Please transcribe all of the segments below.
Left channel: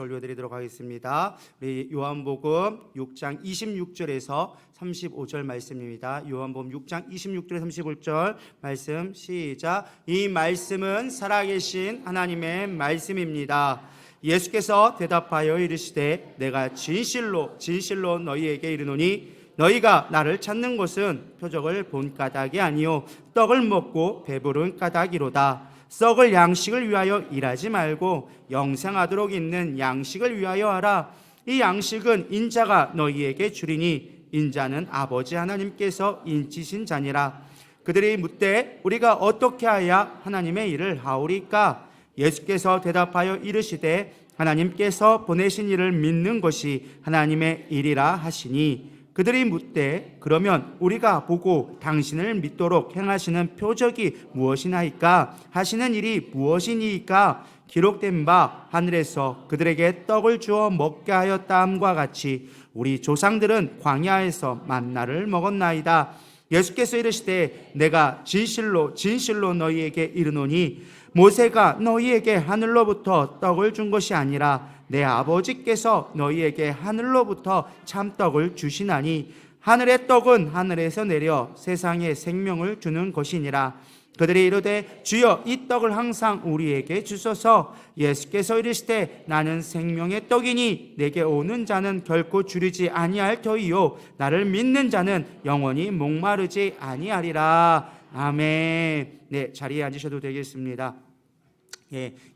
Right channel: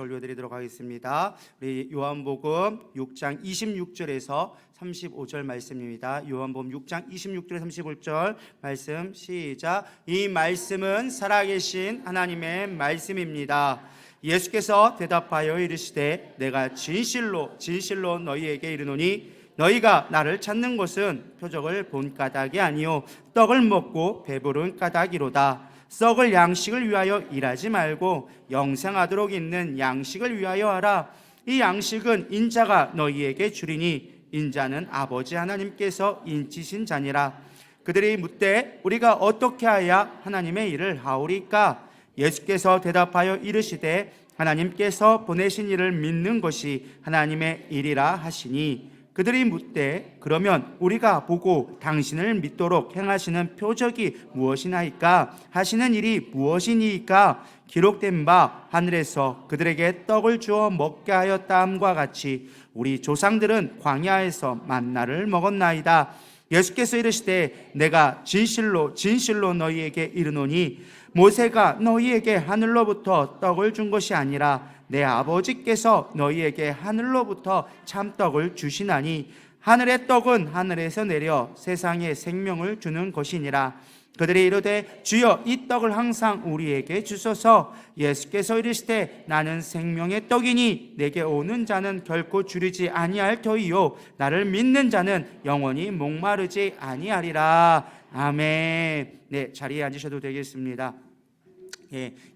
올려드리도록 하겠습니다. 우리 요한복음 6장 26절에서 35절 말씀입니다. 요한복음 6장 26절에서 35절 말씀 시작. 이 말씀은 살아계신 하나님의 말씀입니다. 예수께서 대답하여 이르시되 내가 진실로 진실로 너희에게 이르노니 너희가 나를 찾는 것은 표적을 본 까닭이 아니요 떡을 먹고 배부른 까닭이로다. 썩을 양식을 위하여 일하지 말고 영생하도록 있는 양식을 위하여 하라. 이 양식은 인자가 너희에게 주리니 인자는 아버지 하나님께서 인치신 자니라. 그들이 묻되 우리가 어떻게 하야 하나님의 일을 하오리까? 예수께서 대답하여 이르시되 하나님께서 보내신 이를 믿는 것이 하나님의 일이라 하시니 그들이 묻되 그러면 우리가 보고 당신을 믿도록 행하시는 표적이 무엇이나이까? 하시는 일이 무엇이니까? 기록된 바 하늘에서 그들에게 떡을 주어 먹게 하였다함과 같이 우리 조상들은 광야에서 만나를 먹었나이다. 예수께서 이르시되 내가 진실로 진실로 너희에게 이르노니 모세가 너희에게 하늘로부터 떡을 준 것이 아니라 내 아버지께서 너희에게 하늘로부터 참떡을 주시나니 하늘의 떡은 하늘에서 내려 세상에 생명을 주는 것이니라. 그들이 이르되 주여 이 떡을 항상 우리에게 주소서. 예수께서 이르시되 나는 생명의 떡이니 내게 오는 자는 결코 줄이지 아니할 터이요 나를 믿는 자는 영원히 목마르지 아니하리라. 아멘. 네, 자리에 앉으셔도 되겠습니다.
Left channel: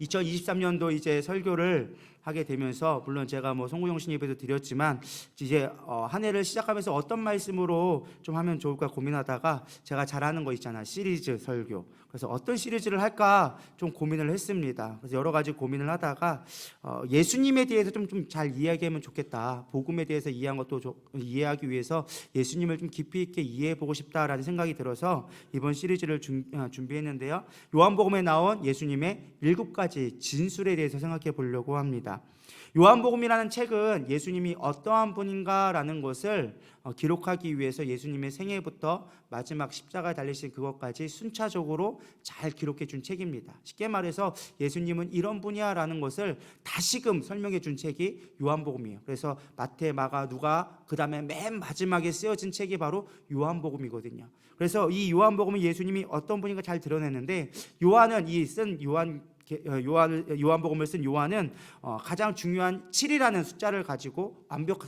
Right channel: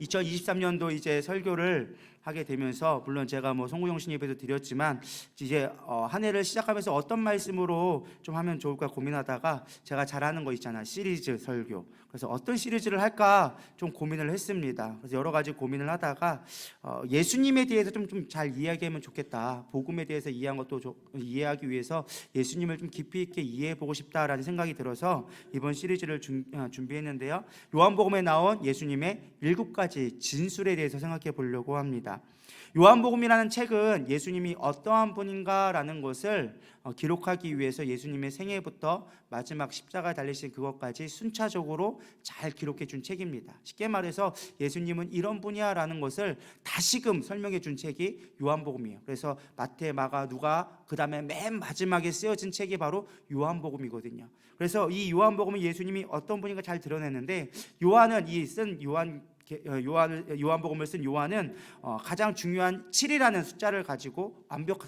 2023년도 이제 설교를 하게 되면서 물론 제가 송구용신 예배도 드렸지만 이제 한 해를 시작하면서 어떤 말씀으로 좀 하면 좋을까 고민하다가 제가 잘하는 거 있잖아, 시리즈 설교. 그래서 어떤 시리즈를 할까 좀 고민을 했습니다. 그래서 여러 가지 고민을 하다가 예수님에 대해서 좀 잘 이야기하면 좋겠다. 복음에 대해서 이해한 것도 이해하기 위해서 예수님을 좀 깊이 있게 이해해 보고 싶다라는 생각이 들어서 이번 시리즈를 준비했는데요. 요한복음에 나온 예수님의 7가지 진술에 대해서 생각해 보려고 합니다. 요한복음이라는 책은 예수님이 어떠한 분인가라는 것을 기록하기 위해서 예수님의 생애부터 마지막 십자가에 달리신 그것까지 순차적으로 잘 기록해 준 책입니다. 쉽게 말해서 예수님은 이런 분이야라는 것을 다시금 설명해 준 책이 요한복음이에요. 그래서 마태, 마가, 누가 그 다음에 맨 마지막에 쓰여진 책이 바로 요한복음이거든요. 그래서 이 요한복음은 예수님이 어떤 분인가 잘 드러냈는데 요한은 요한복음을 쓴 요한은 가장 중요한 7이라는 숫자를 가지고 완벽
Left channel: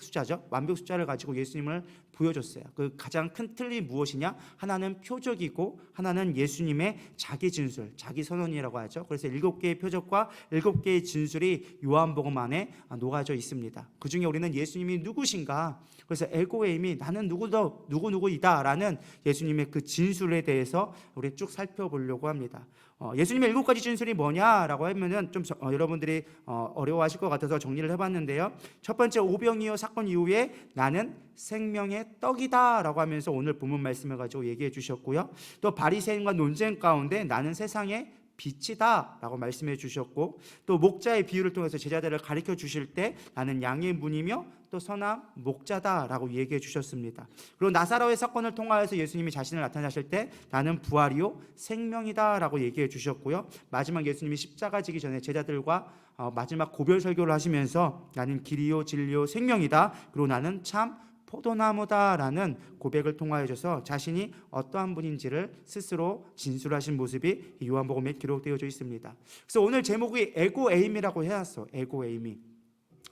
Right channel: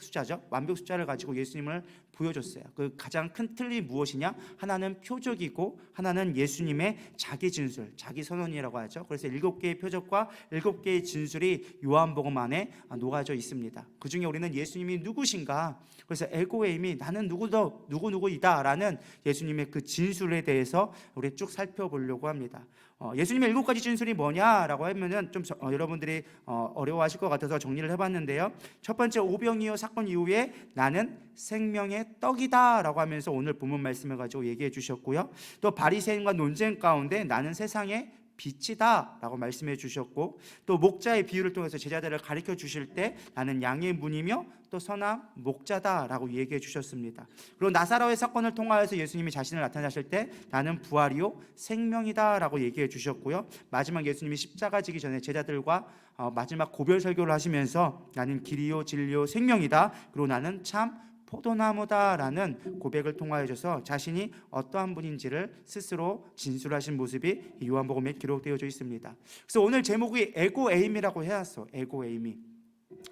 숫자를 가지고 예수님을 보여줬어요. 그 가장 큰 틀이 무엇이냐? 하나는 표적이고 하나는 예수님의 자기 진술, 자기 선언이라고 하죠. 그래서 7개의 표적과 7개의 진술이 요한복음 안에 녹아져 있습니다. 그 중에 우리는 예수님이 누구신가? 그래서 에고에임이 나는 누구이다 라는 예수님의 그 진술에 대해서 우리 쭉 살펴보려고 합니다. 예수님의 7가지 진술이 뭐냐라고 하면은 좀 여러분들이 어려워하실 것 같아서 정리를 해봤는데요. 첫 번째, 오병이어 사건 이후에 나는 생명의 떡이다 라고 하면서 오늘 본문 말씀을 가지고 얘기해 주셨고요. 또 바리새인과 논쟁 가운데 나는 세상의 빛이다 라고 말씀해 주셨고, 또 목자의 비유를 통해서 제자들을 가르쳐 주실 때 나는 양의 문이며 또 선한 목자다 라고 얘기해 주셨습니다. 그리고 나사로의 사건을 통하여서 예수님이 자신을 나타나실 때 나는 부활이요 생명이다 라고 얘기해 주셨고요. 마지막 예수님이 십자가 지기 전에 제자들과 마지막 고별 설교를 하시면서 나는 길이요 진리요 생명이다, 그리고 나는 참 포도나무다라는 고백을 통하여서 자신이 어떠한 분인지를 스스로 진술하신 모습이 요한복음에 기록되어져 있습니다. 그래서 오늘 제목이 에고에임이라고 해왔어. 에고에임이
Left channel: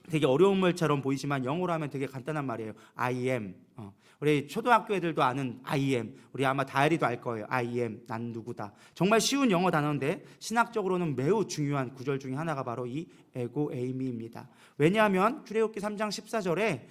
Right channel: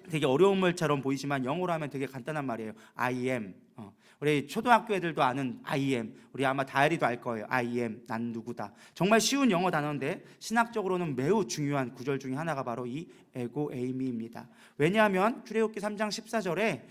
되게 어려운 말처럼 보이지만 영어로 하면 되게 간단한 말이에요. I am. 우리 초등학교 애들도 아는 I am. 우리 아마 다혜리도 알 거예요. I am. 난 누구다. 정말 쉬운 영어 단어인데 신학적으로는 매우 중요한 구절 중에 하나가 바로 이 에고에이미입니다. 왜냐하면 출애굽기 3장 14절에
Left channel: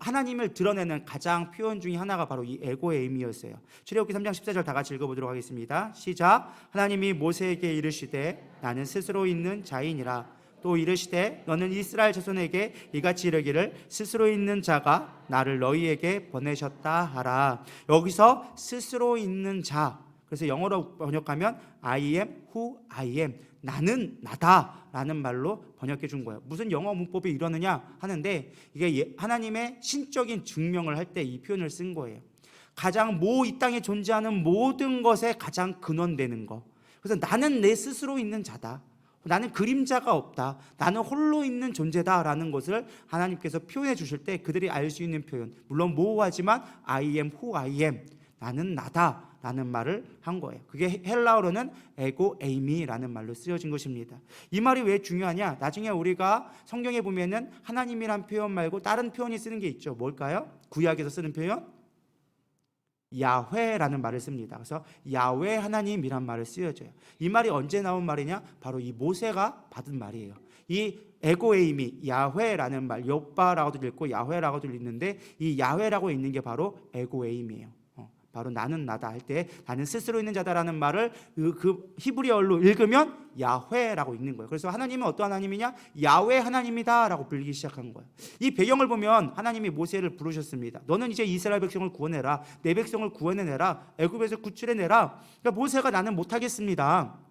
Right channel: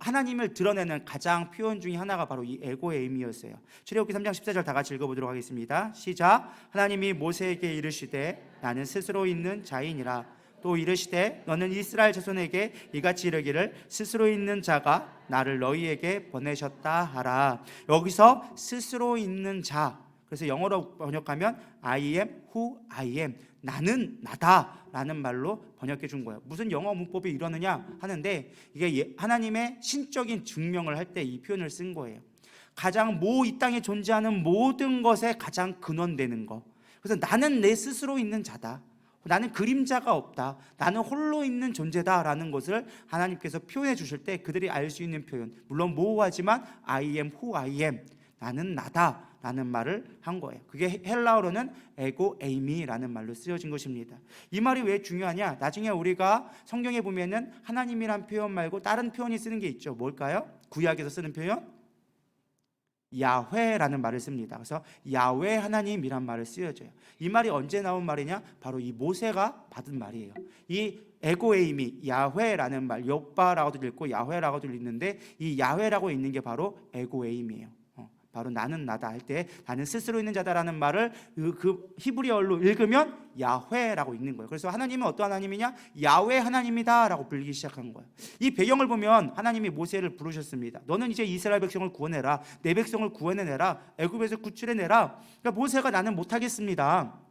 하나님을 드러내는 가장 표현 중에 하나가 바로 이 에고에이미였어요. 출애굽기 3장 14절 다 같이 읽어보도록 하겠습니다. 시작. 하나님이 모세에게 이르시되 나는 스스로 있는 자이니라. 또 이르시되 너는 이스라엘 자손에게 이같이 이르기를 스스로 있는 자가 나를 너희에게 보내셨다 하라. 여기서 스스로 있는 자, 그래서 영어로 번역하면 I am who I am, 나는 나다 라는 말로 번역해 준 거예요. 무슨 영어 문법이 이러느냐 하는데 이게 하나님의 신적인 증명을 할 때 이 표현을 쓴 거예요. 가장 이 땅에 존재하는 모든 것에 가장 근원되는 거. 그래서 나는 내 스스로 있는 자다. 나는 그림자가 없다. 나는 홀로 있는 존재다라는 것을 하나님께서 표현해 주실 때 그들이 알 수 있는 표현, 물론 모호하지만 I am who I am, 나는 나다라는 말을 한 거예요. 그게 헬라어로는 에고 에이미라는 말로 쓰여진 것입니다. 이 말이 왜 중요하냐? 나중에 우리가 성경에 보면은 하나님이란 표현 말고 다른 표현이 쓰는 게 있죠. 뭘까요? 구약에서 쓰는 표현? 야훼라는 말을 씁니다. 그래서 야훼 하나님이란 말을 쓰여져요. 이 말이 언제 나온 말이냐? 바로 이 모세가 받은 말이에요. 이 에고에이미, 야훼라는 말, 여호와라고도 읽고 야훼라고도 읽는데 이 야훼라고 읽는 게 바로 에고에이미예요. 바로 나는 나다 할 때 나는 스스로 있는 자다라는 말을 그 히브리어로 읽으면 야훼라고 읽는 거예요. 그래서 하나님은 어떤 하나님이냐? 야훼 하나님이다 라고 불리기 시작한 거예요. 이 배경을 보면 하나님이 모세를 부르셨습니다. 너는 이제 이스라엘 백성을 구원해라. 내 백성을 구원해내라. 애굽에서 구출해내라. 그러니까 모세가 나는 못하겠습니다.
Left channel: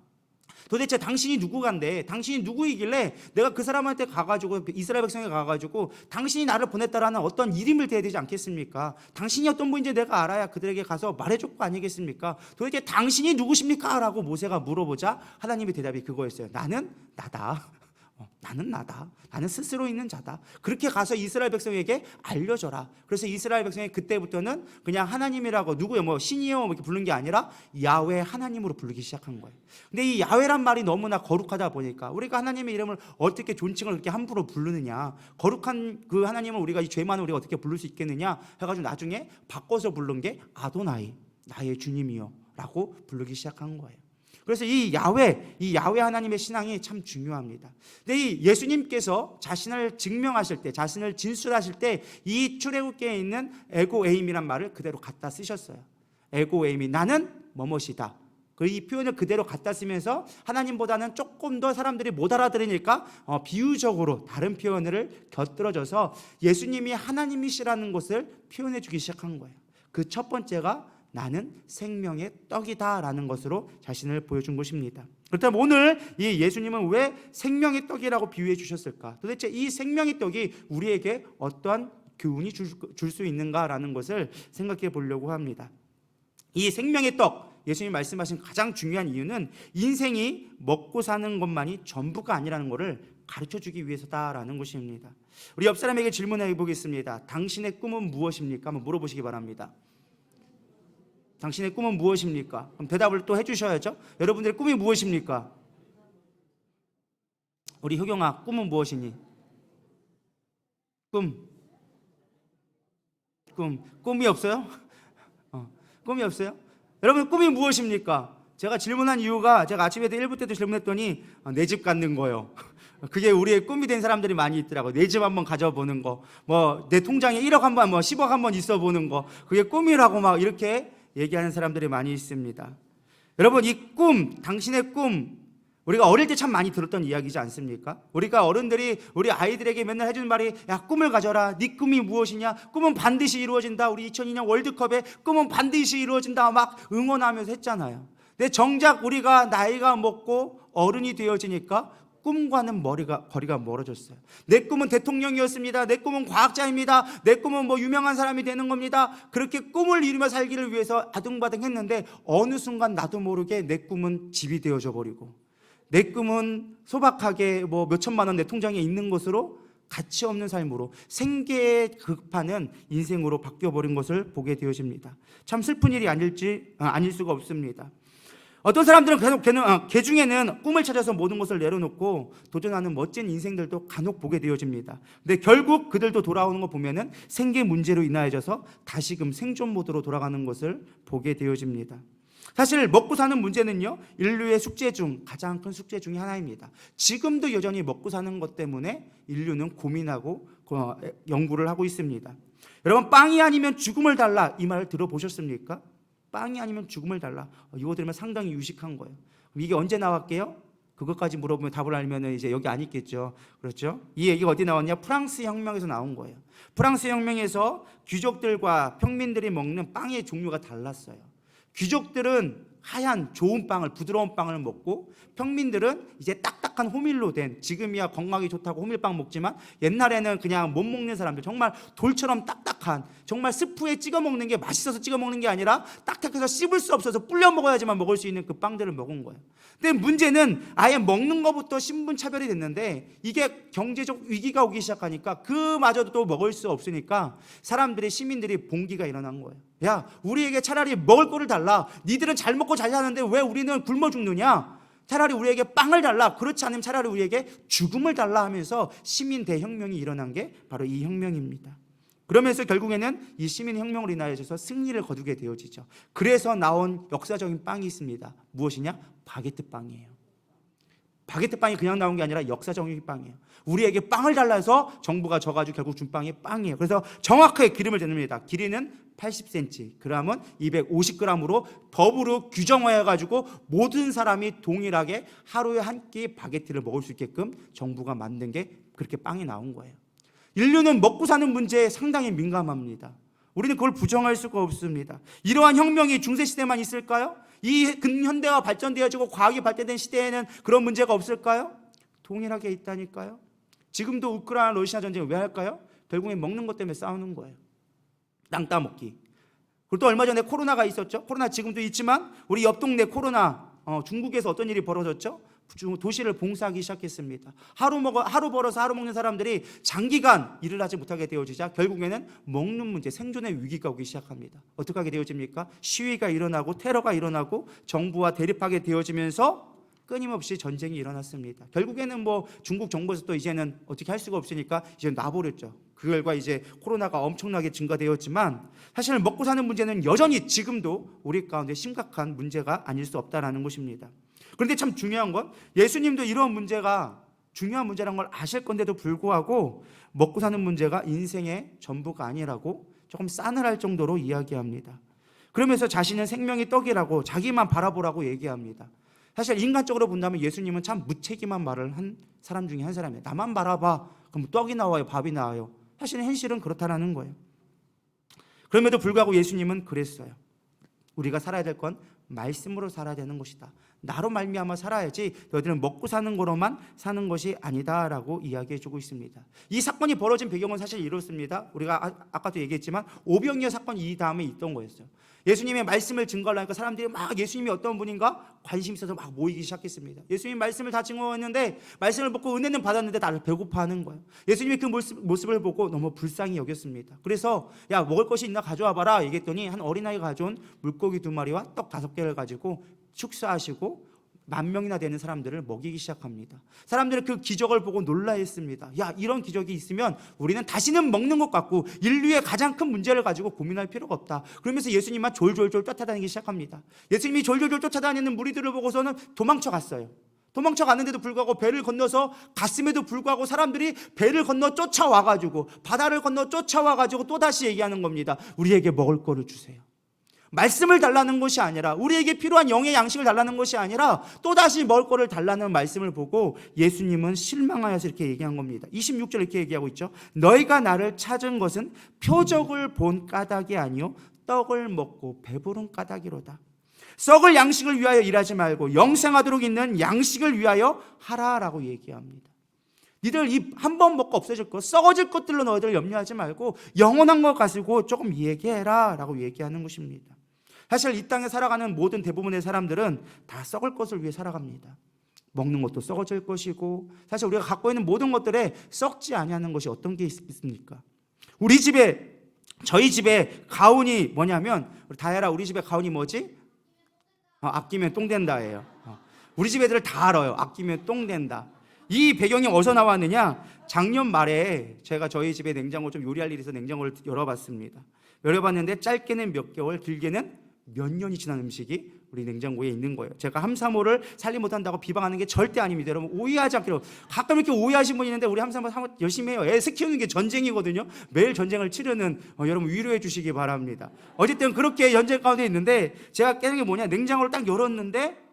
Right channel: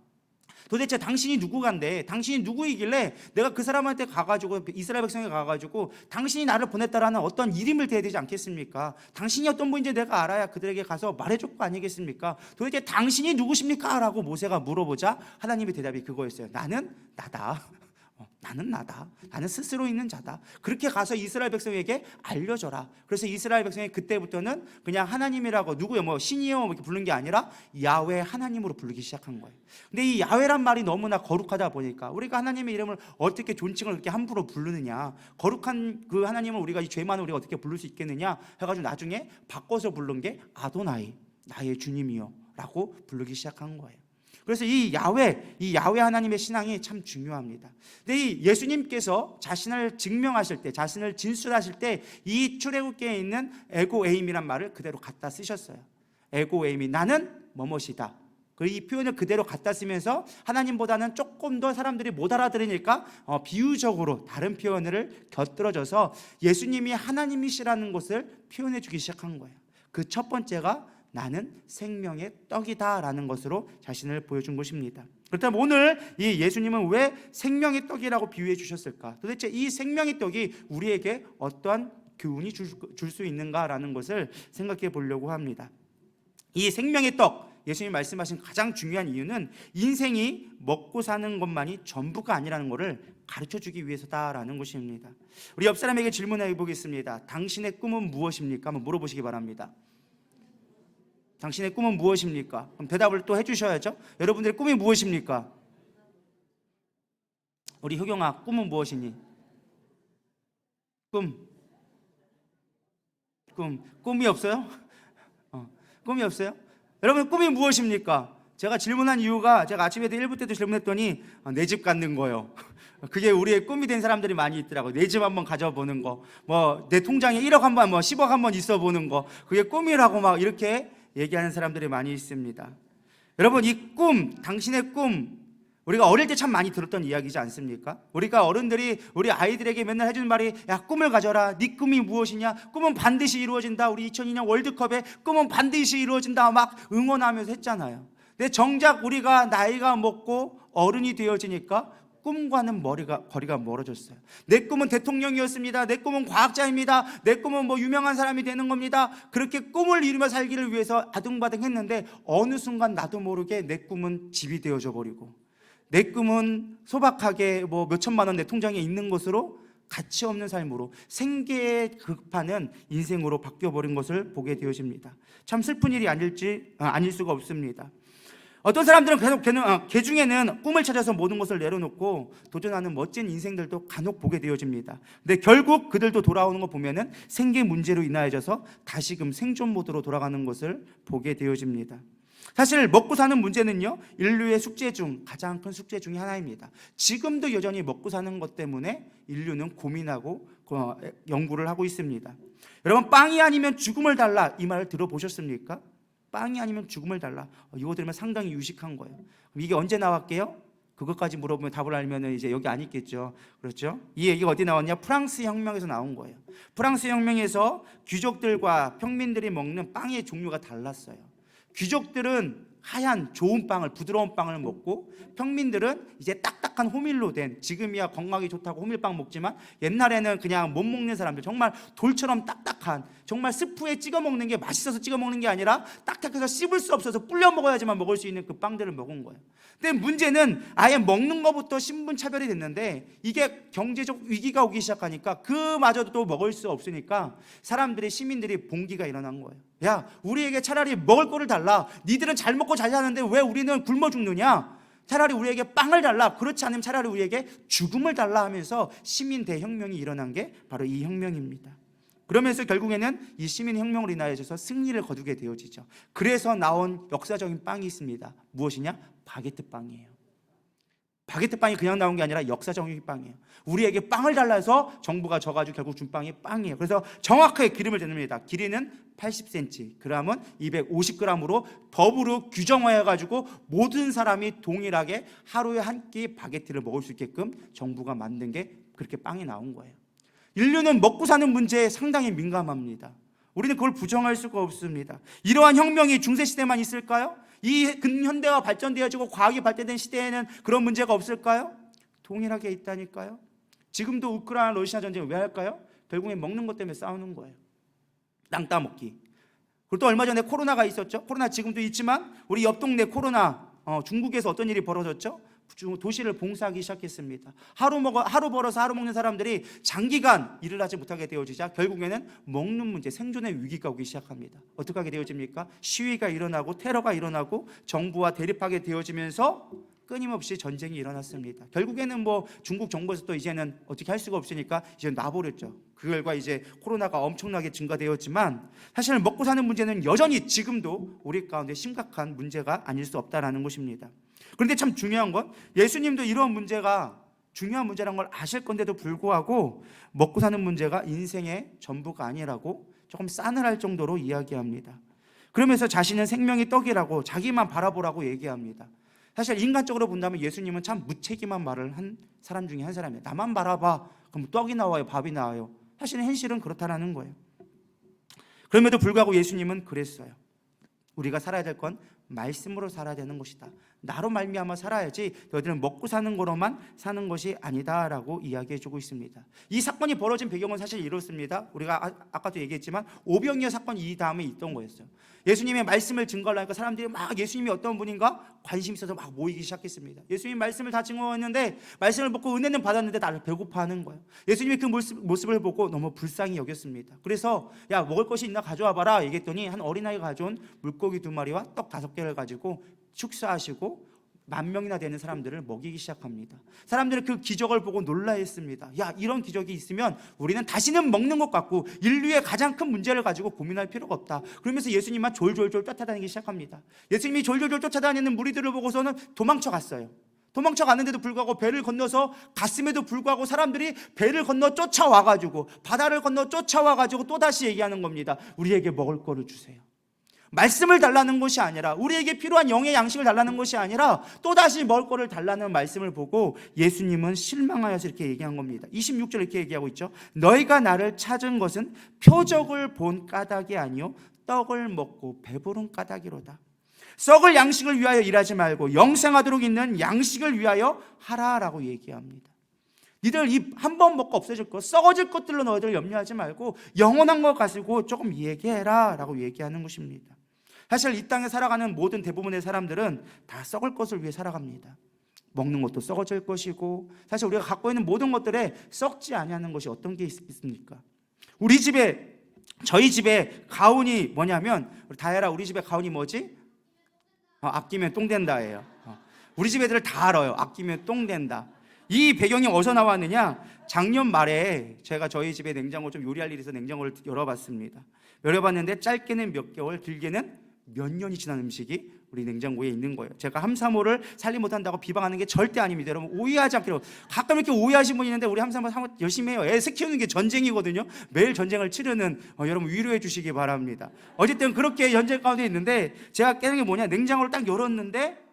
도대체 당신이 누구간데, 당신이 누구이길래 내가 그 사람한테 가가지고, 이스라엘 백성에 가가지고 당신이 나를 보냈다라는 어떤 이름을 대야 되지 않겠습니까? 당신이 어떤 분인지 내가 알아야 그들에게 가서 말해줄 거 아니겠습니까? 도대체 당신이 누구십니까? 라고 모세가 물어보자 하나님의 대답이 그거였어요. 나는 나다. 나는 나다. 나는 스스로 있는 자다. 그렇게 가서 이스라엘 백성에게 알려줘라. 그래서 이스라엘 백성이 그때부터는 그냥 하나님이라고 누구요? 뭐 신이요? 이렇게 부르는 게 아니라 야훼 하나님으로 부르기 시작한 거예요. 근데 이 야훼란 말이 너무나 거룩하다 보니까 우리가 하나님의 이름을 어떻게 존칭을 그렇게 함부로 부르느냐? 거룩한 그 하나님을 우리가 이 죄 많은 우리가 어떻게 부를 수 있겠느냐? 해가지고 나중에 바꿔서 부른 게 아도나이, 나의 주님이요 라고 부르기 시작한 거예요. 그래서 이 야훼 하나님의 신앙이 참 중요합니다. 근데 이 예수님께서 자신을 증명하실 때, 자신을 진술하실 때 이 출애굽기에 있는 에고에임이란 말을 그대로 갖다 쓰셨어요. 에고에임이 나는 뭐뭇이다. 이 표현을 그대로 갖다 쓰면서 하나님보다는 조금 더 사람들이 못 알아들으니까 비유적으로 다른 표현을 곁들여져서 예수님이 하나님이시라는 것을 표현해 주기 시작한 거예요. 그 첫 번째가 나는 생명의 떡이다 라는 것으로 자신을 보여준 것입니다. 그렇다면 오늘 이 예수님은 왜 생명의 떡이라고 비유해 주셨을까? 도대체 이 생명의 떡이 우리에게 어떠한 교훈이 줄 수 있는가라는 것을 생각해 보려고 합니다. 이 생명의 떡, 예수님이 말씀하신 가장 중요한 이유는 인생이 먹고 사는 것만이 전부가 아니라는 것을 가르쳐주기 위해서다라는 것입니다. 우리 옆 사람에게 질문해 보겠습니다. 당신의 꿈은 무엇입니까? 한번 물어보시기 바랍니다. 당신의 꿈은 무엇입니까? 그럼 대답을 또 해주셔야죠. 여러분들의 꿈이 무엇입니까? 우리 효경아, 꿈은 무엇이니? 꿈이 없어요? 꿈이 없어요? 여러분 꿈이 무엇입니까? 제가 질문한 이유가 제가 아침에도 1부 때도 질문했더니 내 집 갖는 거예요. 그게 우리의 꿈이 된 사람들이 많이 있더라고요. 내 집 한번 가져보는 거, 뭐 내 통장에 1억 한번, 뭐 10억 한번 있어 보는 거, 그게 꿈이라고 막 이렇게 얘기하는 사람들이 많이 있습니다. 여러분 이 꿈, 당신의 꿈, 우리가 어릴 때 참 많이 들었던 이야기지 않습니까? 우리가 어른들이 우리 아이들에게 맨날 해주는 말이 야 꿈을 가져라. 네 꿈이 무엇이냐? 꿈은 반드시 이루어진다. 우리 2002년 월드컵에 꿈은 반드시 이루어진다 막 응원하면서 했잖아요. 근데 정작 우리가 나이가 먹고 어른이 되어지니까 꿈과는 거리가 멀어졌어요. 내 꿈은 대통령이었습니다. 내 꿈은 과학자입니다. 내 꿈은 뭐 유명한 사람이 되는 겁니다. 그렇게 꿈을 이루며 살기를 위해서 아둥바둥 했는데 어느 순간 나도 모르게 내 꿈은 집이 되어져 버리고 내 꿈은 소박하게 뭐 몇천만 원 내 통장에 있는 것으로 가치 없는 삶으로 생계에 급하는 인생으로 바뀌어버린 것을 보게 되어집니다. 참 슬픈 일이 아닐 수가 없습니다. 어떤 사람들은 개 중에는 꿈을 찾아서 모든 것을 내려놓고 도전하는 멋진 인생들도 간혹 보게 되어집니다. 근데 결국 그들도 돌아오는 거 보면은 생계 문제로 인하여져서 다시금 생존 모드로 돌아가는 것을 보게 되어집니다. 사실 먹고 사는 문제는요 인류의 숙제 중 가장 큰 숙제 중에 하나입니다. 지금도 여전히 먹고 사는 것 때문에 인류는 고민하고 연구를 하고 있습니다. 여러분 빵이 아니면 죽음을 달라 이 말 들어보셨습니까? 빵이 아니면 죽음을 달라. 이거 들으면 상당히 유식한 거예요. 이게 언제 나왔게요? 그것까지 물어보면 답을 알면 이제 여기 안 있겠죠. 그렇죠? 이 얘기가 어디 나왔냐? 프랑스 혁명에서 나온 거예요. 프랑스 혁명에서 귀족들과 평민들이 먹는 빵의 종류가 달랐어요. 귀족들은 하얀 좋은 빵을 부드러운 빵을 먹고 평민들은 이제 딱딱한 호밀로 된 지금이야 건강이 좋다고 호밀빵 먹지만 옛날에는 그냥 못 먹는 사람들 정말 돌처럼 딱딱한 정말 스프에 찍어 먹는 게 맛있어서 찍어 먹는 게 아니라 딱딱해서 씹을 수 없어서 불려 먹어야지만 먹을 수 있는 그 빵들을 먹은 거예요. 근데 문제는 아예 먹는 것부터 신분 차별이 됐는데 이게 경제적 위기가 오기 시작하니까 그마저도 또 먹을 수 없으니까 사람들이, 시민들이 봉기가 일어난 거예요. 야, 우리에게 차라리 먹을 거를 달라. 니들은 잘 먹고 잘 사는데 왜 우리는 굶어 죽느냐? 차라리 우리에게 빵을 달라. 그렇지 않으면 차라리 우리에게 죽음을 달라 하면서 시민 대혁명이 일어난 게 바로 이 혁명입니다. 그러면서 결국에는 이 시민혁명으로 인하여서 승리를 거두게 되어지죠. 그래서 나온 역사적인 빵이 있습니다. 무엇이냐? 바게트 빵이에요. 바게트 빵이 그냥 나온 게 아니라 역사적인 빵이에요. 우리에게 빵을 달라 해서 정부가 져가지고 결국 준 빵이 빵이에요. 그래서 정확하게 기름을 재릅니다. 길이는 80cm, g은 250g으로 법으로 규정해가지고 모든 사람이 동일하게 하루에 한 끼 바게트를 먹을 수 있게끔 정부가 만든 게 그렇게 빵이 나온 거예요. 인류는 먹고 사는 문제에 상당히 민감합니다. 우리는 그걸 부정할 수가 없습니다. 이러한 혁명이 중세시대만 있을까요? 이 근현대화 발전되어지고 과학이 발달된 시대에는 그런 문제가 없을까요? 동일하게 있다니까요. 지금도 우크라이나 러시아 전쟁을 왜 할까요? 결국엔 먹는 것 때문에 싸우는 거예요. 땅 따먹기. 그리고 또 얼마 전에 코로나가 있었죠. 코로나 지금도 있지만 우리 옆 동네 코로나, 중국에서 어떤 일이 벌어졌죠? 도시를 봉쇄하기 시작했습니다. 하루 벌어서 하루 먹는 사람들이 장기간 일을 하지 못하게 되어지자 결국에는 먹는 문제, 생존의 위기가 오기 시작합니다. 어떻게 하게 되어집니까? 시위가 일어나고 테러가 일어나고 정부와 대립하게 되어지면서 끊임없이 전쟁이 일어났습니다. 결국에는 중국 정부에서 또 이제는 어떻게 할 수가 없으니까 이제 놔버렸죠. 그 결과 이제 코로나가 엄청나게 증가되었지만 사실 먹고 사는 문제는 여전히 지금도 우리 가운데 심각한 문제가 아닐 수 없다라는 것입니다. 그런데 참 중요한 건 예수님도 이런 문제가 중요한 문제라는 걸 아실 건데도 불구하고 먹고 사는 문제가 인생의 전부가 아니라고 조금 싸늘할 정도로 이야기합니다. 그러면서 자신은 생명의 떡이라고 자기만 바라보라고 얘기합니다. 사실 인간적으로 본다면 예수님은 참 무책임한 말을 한 사람 중에 한 사람이에요. 나만 바라봐. 그럼 떡이 나와요? 밥이 나와요? 사실 현실은 그렇다는 거예요. 그럼에도 불구하고 예수님은 그랬어요. 우리가 살아야 될 건 말씀으로 살아야 되는 것이다. 나로 말미암아 살아야지 너희들은 먹고 사는 거로만 사는 것이 아니다라고 이야기해주고 있습니다. 이 사건이 벌어진 배경은 사실 이렇습니다. 우리가 아까도 얘기했지만 오병이어 사건이 이 다음에 있던 거였어요. 예수님의 말씀을 증거하려 하니까 사람들이 막 예수님이 어떤 분인가 관심 있어서 막 모이기 시작했습니다. 예수님 말씀을 다 증거했는데 말씀을 먹고 은혜는 받았는데 나를 배고파하는 거예요. 예수님이 그 모습을 보고 너무 불쌍히 여겼습니다. 그래서 야, 먹을 것이 있나 가져와 봐라 얘기했더니 한 어린아이가 가져온 물고기 2마리와 떡 5개를 가지고 축사하시고 10,000명이나 되는 사람들을 먹이기 시작합니다. 사람들은 그 기적을 보고 놀라했습니다. 야, 이런 기적이 있으면 우리는 다시는 먹는 것 같고 인류의 가장 큰 문제를 가지고 고민할 필요가 없다. 그러면서 예수님만 졸졸졸 쫓아다니기 시작합니다. 예수님이 졸졸졸 쫓아다니는 무리들을 보고서는 도망쳐 갔어요. 도망쳐 갔는데도 불구하고 배를 건너서 갔음에도 불구하고 사람들이 배를 건너 쫓아와가지고 바다를 건너 쫓아와가지고 또다시 얘기하는 겁니다. 우리에게 먹을 거를 주세요. 말씀을 달라는 것이 아니라 우리에게 필요한 영의 양식을 달라는 것이 아니라 또다시 먹을 거를 달라는 말씀을 보고 예수님은 실망하여서 이렇게 얘기한 겁니다. 26절 이렇게 얘기하고 있죠. 너희가 나를 찾은 것은 표적을 본 까닭이 아니요 떡을 먹고 배부른 까닭이로다. 썩을 양식을 위하여 일하지 말고 영생하도록 있는 양식을 위하여 하라라고 얘기합니다. 니들 이 한 번 먹고 없어질 것, 썩어질 것들로 너희들 염려하지 말고 영원한 것 가지고 조금 얘기해라 라고 얘기하는 것입니다. 사실 이 땅에 살아가는 모든 대부분의 사람들은 다 썩을 것을 위해 살아갑니다. 먹는 것도 썩어질 것이고 사실 우리가 갖고 있는 모든 것들에 썩지 아니하는 것이 어떤 게 있습니까? 저희 집에 가훈이 뭐냐면 다혜라 우리 집에 가훈이 뭐지? 아끼면 똥 된다예요. 우리 집 애들 다 알아요. 아끼면 똥 된다. 이 배경이 어디서 나왔느냐? 작년 말에 제가 저희 집에 냉장고 좀 요리할 일이 있어서 냉장고를 열어봤습니다. 열어봤는데 짧게는 몇 개월, 길게는 몇 년이 지난 음식이 우리 냉장고에 있는 거예요. 제가 함사모를 살림 못한다고 비방하는 게 절대 아닙니다. 여러분 오해하지 않기로. 가끔 이렇게 오해하신 분이 있는데 우리 함사모 열심히 해요. 애 키우는 게 전쟁이거든요. 매일 전쟁을 치르는 여러분 위로해 주시기 바랍니다. 어쨌든 그렇게 전쟁 가운데 있는데 제가 깨는 게 뭐냐? 냉장고를 딱 열었는데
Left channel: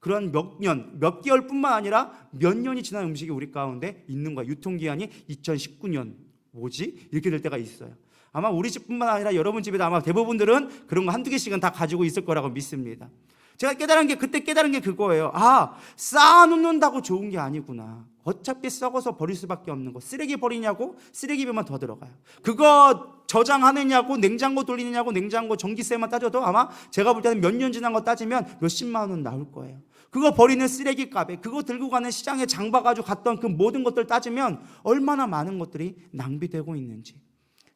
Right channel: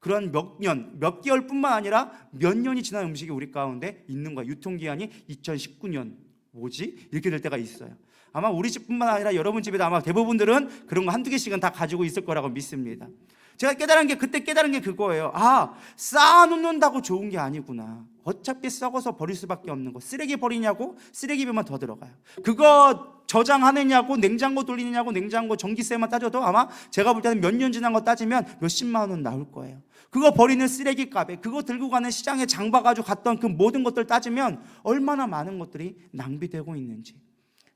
그런 몇 개월뿐만 아니라 몇 년이 지난 음식이 우리 가운데 있는 거야. 유통기한이 2019년 뭐지? 이렇게 될 때가 있어요. 아마 우리 집뿐만 아니라 여러분 집에도 아마 대부분들은 그런 거 한두 개씩은 다 가지고 있을 거라고 믿습니다. 제가 그때 깨달은 게 그거예요. 쌓아놓는다고 좋은 게 아니구나. 어차피 썩어서 버릴 수밖에 없는 거. 쓰레기 버리냐고? 쓰레기비만 더 들어가요. 그거 저장하느냐고? 냉장고 돌리느냐고? 냉장고 전기세만 따져도 아마 제가 볼 때는 몇 년 지난 거 따지면 몇십만 원 나올 거예요. 그거 버리는 쓰레기값에, 그거 들고 가는 시장에 장 봐가지고 갔던 그 모든 것들 따지면 얼마나 많은 것들이 낭비되고 있는지.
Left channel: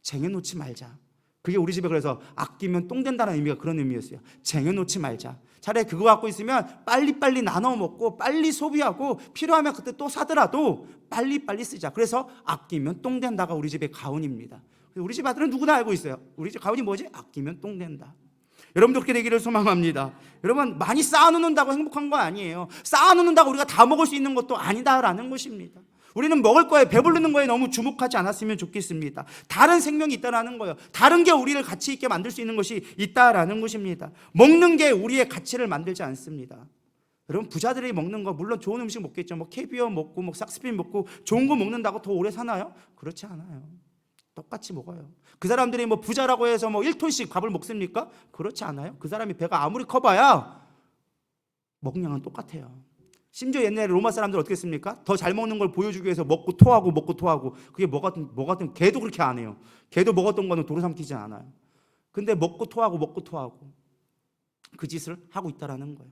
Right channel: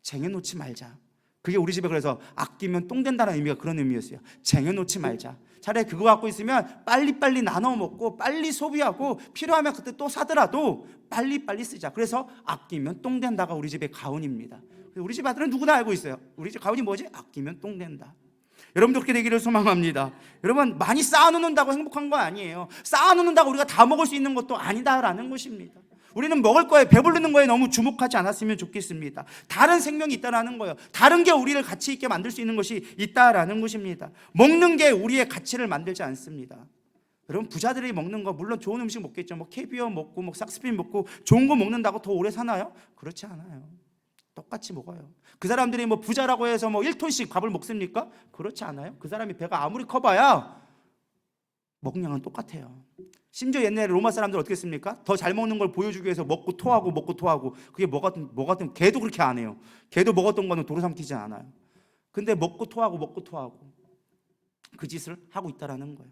쟁여놓지 말자. 그게 우리 집에 그래서 아끼면 똥 된다는 의미가 그런 의미였어요. 쟁여놓지 말자. 차라리 그거 갖고 있으면 빨리빨리 나눠 먹고 빨리 소비하고 필요하면 그때 또 사더라도 빨리빨리 쓰자. 그래서 아끼면 똥 된다가 우리 집의 가훈입니다. 우리 집 아들은 누구나 알고 있어요. 우리 집 가훈이 뭐지? 아끼면 똥 된다. 여러분도 그렇게 되기를 소망합니다. 여러분, 많이 쌓아놓는다고 행복한 거 아니에요. 쌓아놓는다고 우리가 다 먹을 수 있는 것도 아니다라는 것입니다. 우리는 먹을 거에, 배부르는 거에 너무 주목하지 않았으면 좋겠습니다. 다른 생명이 있다라는 거예요. 다른 게 우리를 가치 있게 만들 수 있는 것이 있다라는 것입니다. 먹는 게 우리의 가치를 만들지 않습니다. 여러분, 부자들이 먹는 거 물론 좋은 음식 먹겠죠. 뭐 캐비어 먹고 뭐 삭스핀 먹고 좋은 거 먹는다고 더 오래 사나요? 그렇지 않아요. 똑같이 먹어요. 그 사람들이 뭐 부자라고 해서 뭐 1톤씩 밥을 먹습니까? 그렇지 않아요. 그 사람이 배가 아무리 커봐야 먹량은 똑같아요. 심지어 옛날에 로마 사람들 어떻게 했습니까? 더 잘 먹는 걸 보여주기 위해서 먹고 토하고 그게 뭐 같은 개도 그렇게 안 해요. 개도 먹었던 거는 도로 삼키지 않아요. 근데 먹고 토하고 그 짓을 하고 있다라는 거예요.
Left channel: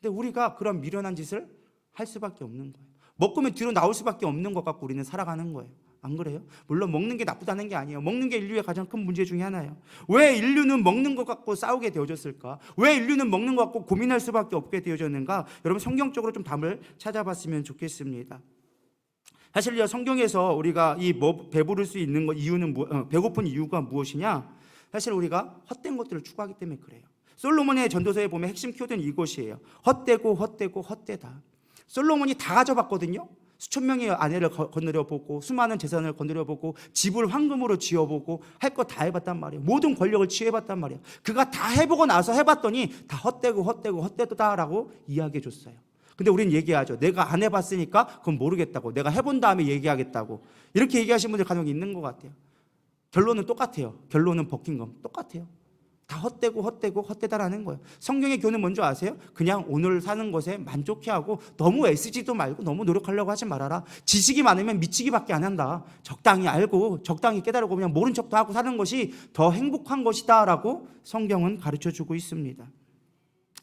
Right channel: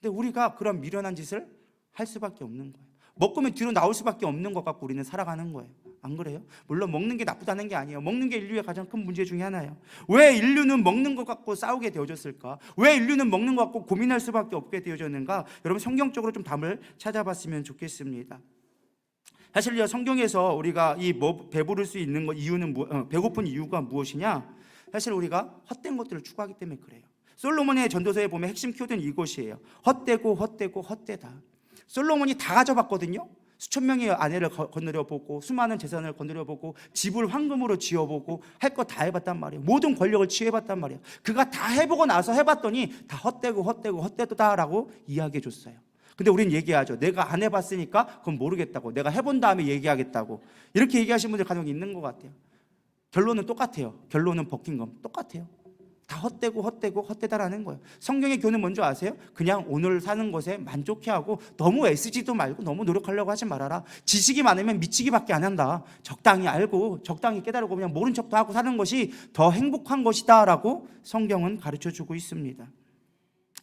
근데 우리가 그런 미련한 짓을 할 수밖에 없는 거예요. 먹으면 뒤로 나올 수밖에 없는 것 같고 우리는 살아가는 거예요. 안 그래요? 물론 먹는 게 나쁘다는 게 아니에요. 먹는 게 인류의 가장 큰 문제 중에 하나예요. 왜 인류는 먹는 것 갖고 싸우게 되어졌을까? 왜 인류는 먹는 것 갖고 고민할 수밖에 없게 되어졌는가? 여러분, 성경적으로 좀 답을 찾아봤으면 좋겠습니다. 사실요, 성경에서 우리가 이 배부를 수 있는 이유는 배고픈 이유가 무엇이냐? 사실 우리가 헛된 것들을 추구하기 때문에 그래요. 솔로몬의 전도서에 보면 핵심 키워드는 이것이에요. 헛되다. 솔로몬이 다 가져봤거든요. 수천 명의 아내를 거느려보고 수많은 재산을 거느려보고 집을 황금으로 지어보고 할 거 다 해봤단 말이에요. 모든 권력을 취해봤단 말이에요. 그가 다 해보고 나서 해봤더니 다 헛되다라고 이야기해줬어요. 근데 우리는 얘기하죠. 내가 안 해봤으니까 그건 모르겠다고, 내가 해본 다음에 얘기하겠다고, 이렇게 얘기하시는 분들 간혹 있는 것 같아요. 결론은 똑같아요. 결론은 버킹엄 똑같아요. 다 헛되다라는 거예요. 성경의 교훈은 뭔지 아세요? 그냥 오늘 사는 것에 만족해하고 너무 애쓰지도 말고 너무 노력하려고 하지 말아라. 지식이 많으면 미치기밖에 안 한다. 적당히 알고 적당히 깨달고 그냥 모른 척도 하고 사는 것이 더 행복한 것이다 라고 성경은 가르쳐주고 있습니다.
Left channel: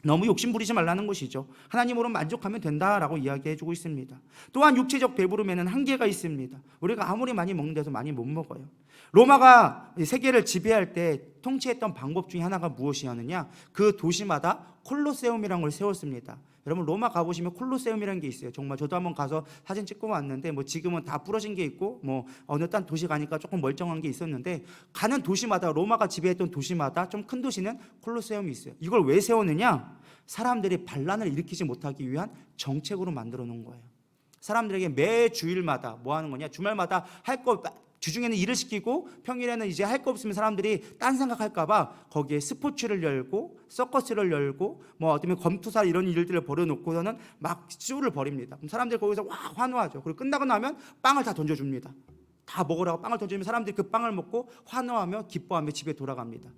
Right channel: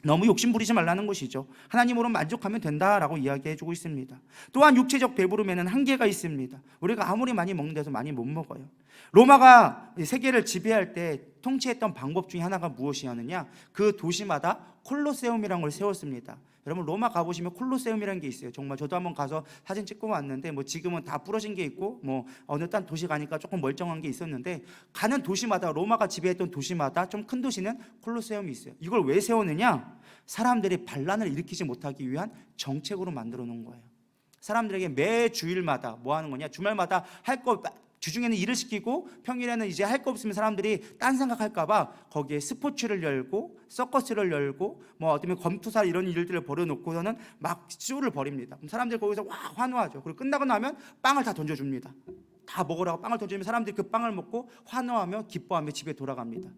너무 욕심 부리지 말라는 것이죠. 하나님으로 만족하면 된다라고 이야기해주고 있습니다. 또한 육체적 배부름에는 한계가 있습니다. 우리가 아무리 많이 먹는 데서 많이 못 먹어요. 로마가 세계를 지배할 때 통치했던 방법 중에 하나가 무엇이었느냐? 그 도시마다 콜로세움이라는 걸 세웠습니다. 여러분, 로마 가보시면 콜로세움이라는 게 있어요. 정말 저도 한번 가서 사진 찍고 왔는데 뭐 지금은 다 부러진 게 있고 뭐 어느 딴 도시 가니까 조금 멀쩡한 게 있었는데, 가는 도시마다, 로마가 지배했던 도시마다 좀 큰 도시는 콜로세움이 있어요. 이걸 왜 세웠느냐? 사람들이 반란을 일으키지 못하기 위한 정책으로 만들어 놓은 거예요. 사람들에게 매 주일마다 뭐 하는 거냐? 주말마다 할 거, 주중에는 일을 시키고 평일에는 이제 할 거 없으면 사람들이 딴 생각할까봐 거기에 스포츠를 열고 서커스를 열고 뭐 어쩌면 검투사 이런 일들을 벌여놓고서는 막 쇼를 벌입니다. 그럼 사람들이 거기서 와 환호하죠. 그리고 끝나고 나면 빵을 다 던져줍니다. 다 먹으라고 빵을 던져주면 사람들이 그 빵을 먹고 환호하며 기뻐하며 집에 돌아갑니다.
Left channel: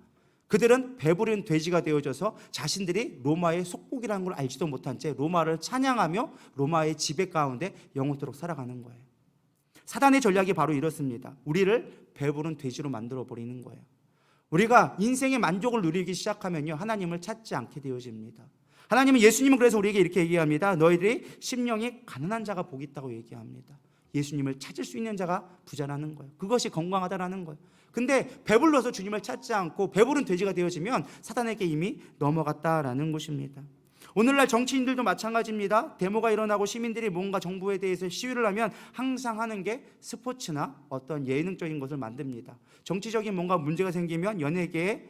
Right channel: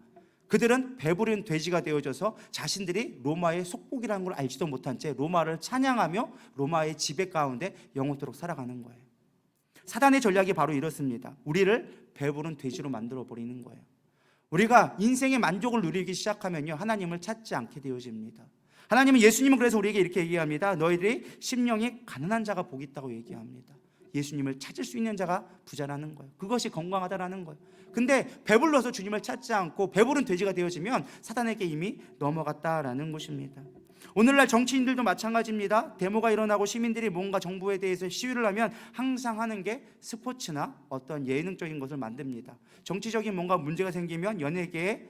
그들은 배부른 돼지가 되어져서 자신들이 로마의 속국이라는 걸 알지도 못한 채 로마를 찬양하며 로마의 지배 가운데 영원토록 살아가는 거예요. 사단의 전략이 바로 이렇습니다. 우리를 배부른 돼지로 만들어버리는 거예요. 우리가 인생의 만족을 누리기 시작하면요, 하나님을 찾지 않게 되어집니다. 예수님은 그래서 우리에게 이렇게 얘기합니다. 너희들이 심령이 가난한 자가 복이 있다고 얘기합니다. 예수님을 찾을 수 있는 자가 부자라는 거예요. 그것이 건강하다라는 거예요. 근데 배불러서 주님을 찾지 않고 배부른 돼지가 되어지면 사단에게 이미 넘어갔다라는 것입니다. 오늘날 정치인들도 마찬가지입니다. 데모가 일어나고 시민들이 뭔가 정부에 대해서 시위를 하면 항상 하는 게 스포츠나 어떤 예능적인 것을 만듭니다. 정치적인 뭔가 문제가 생기면 연예계의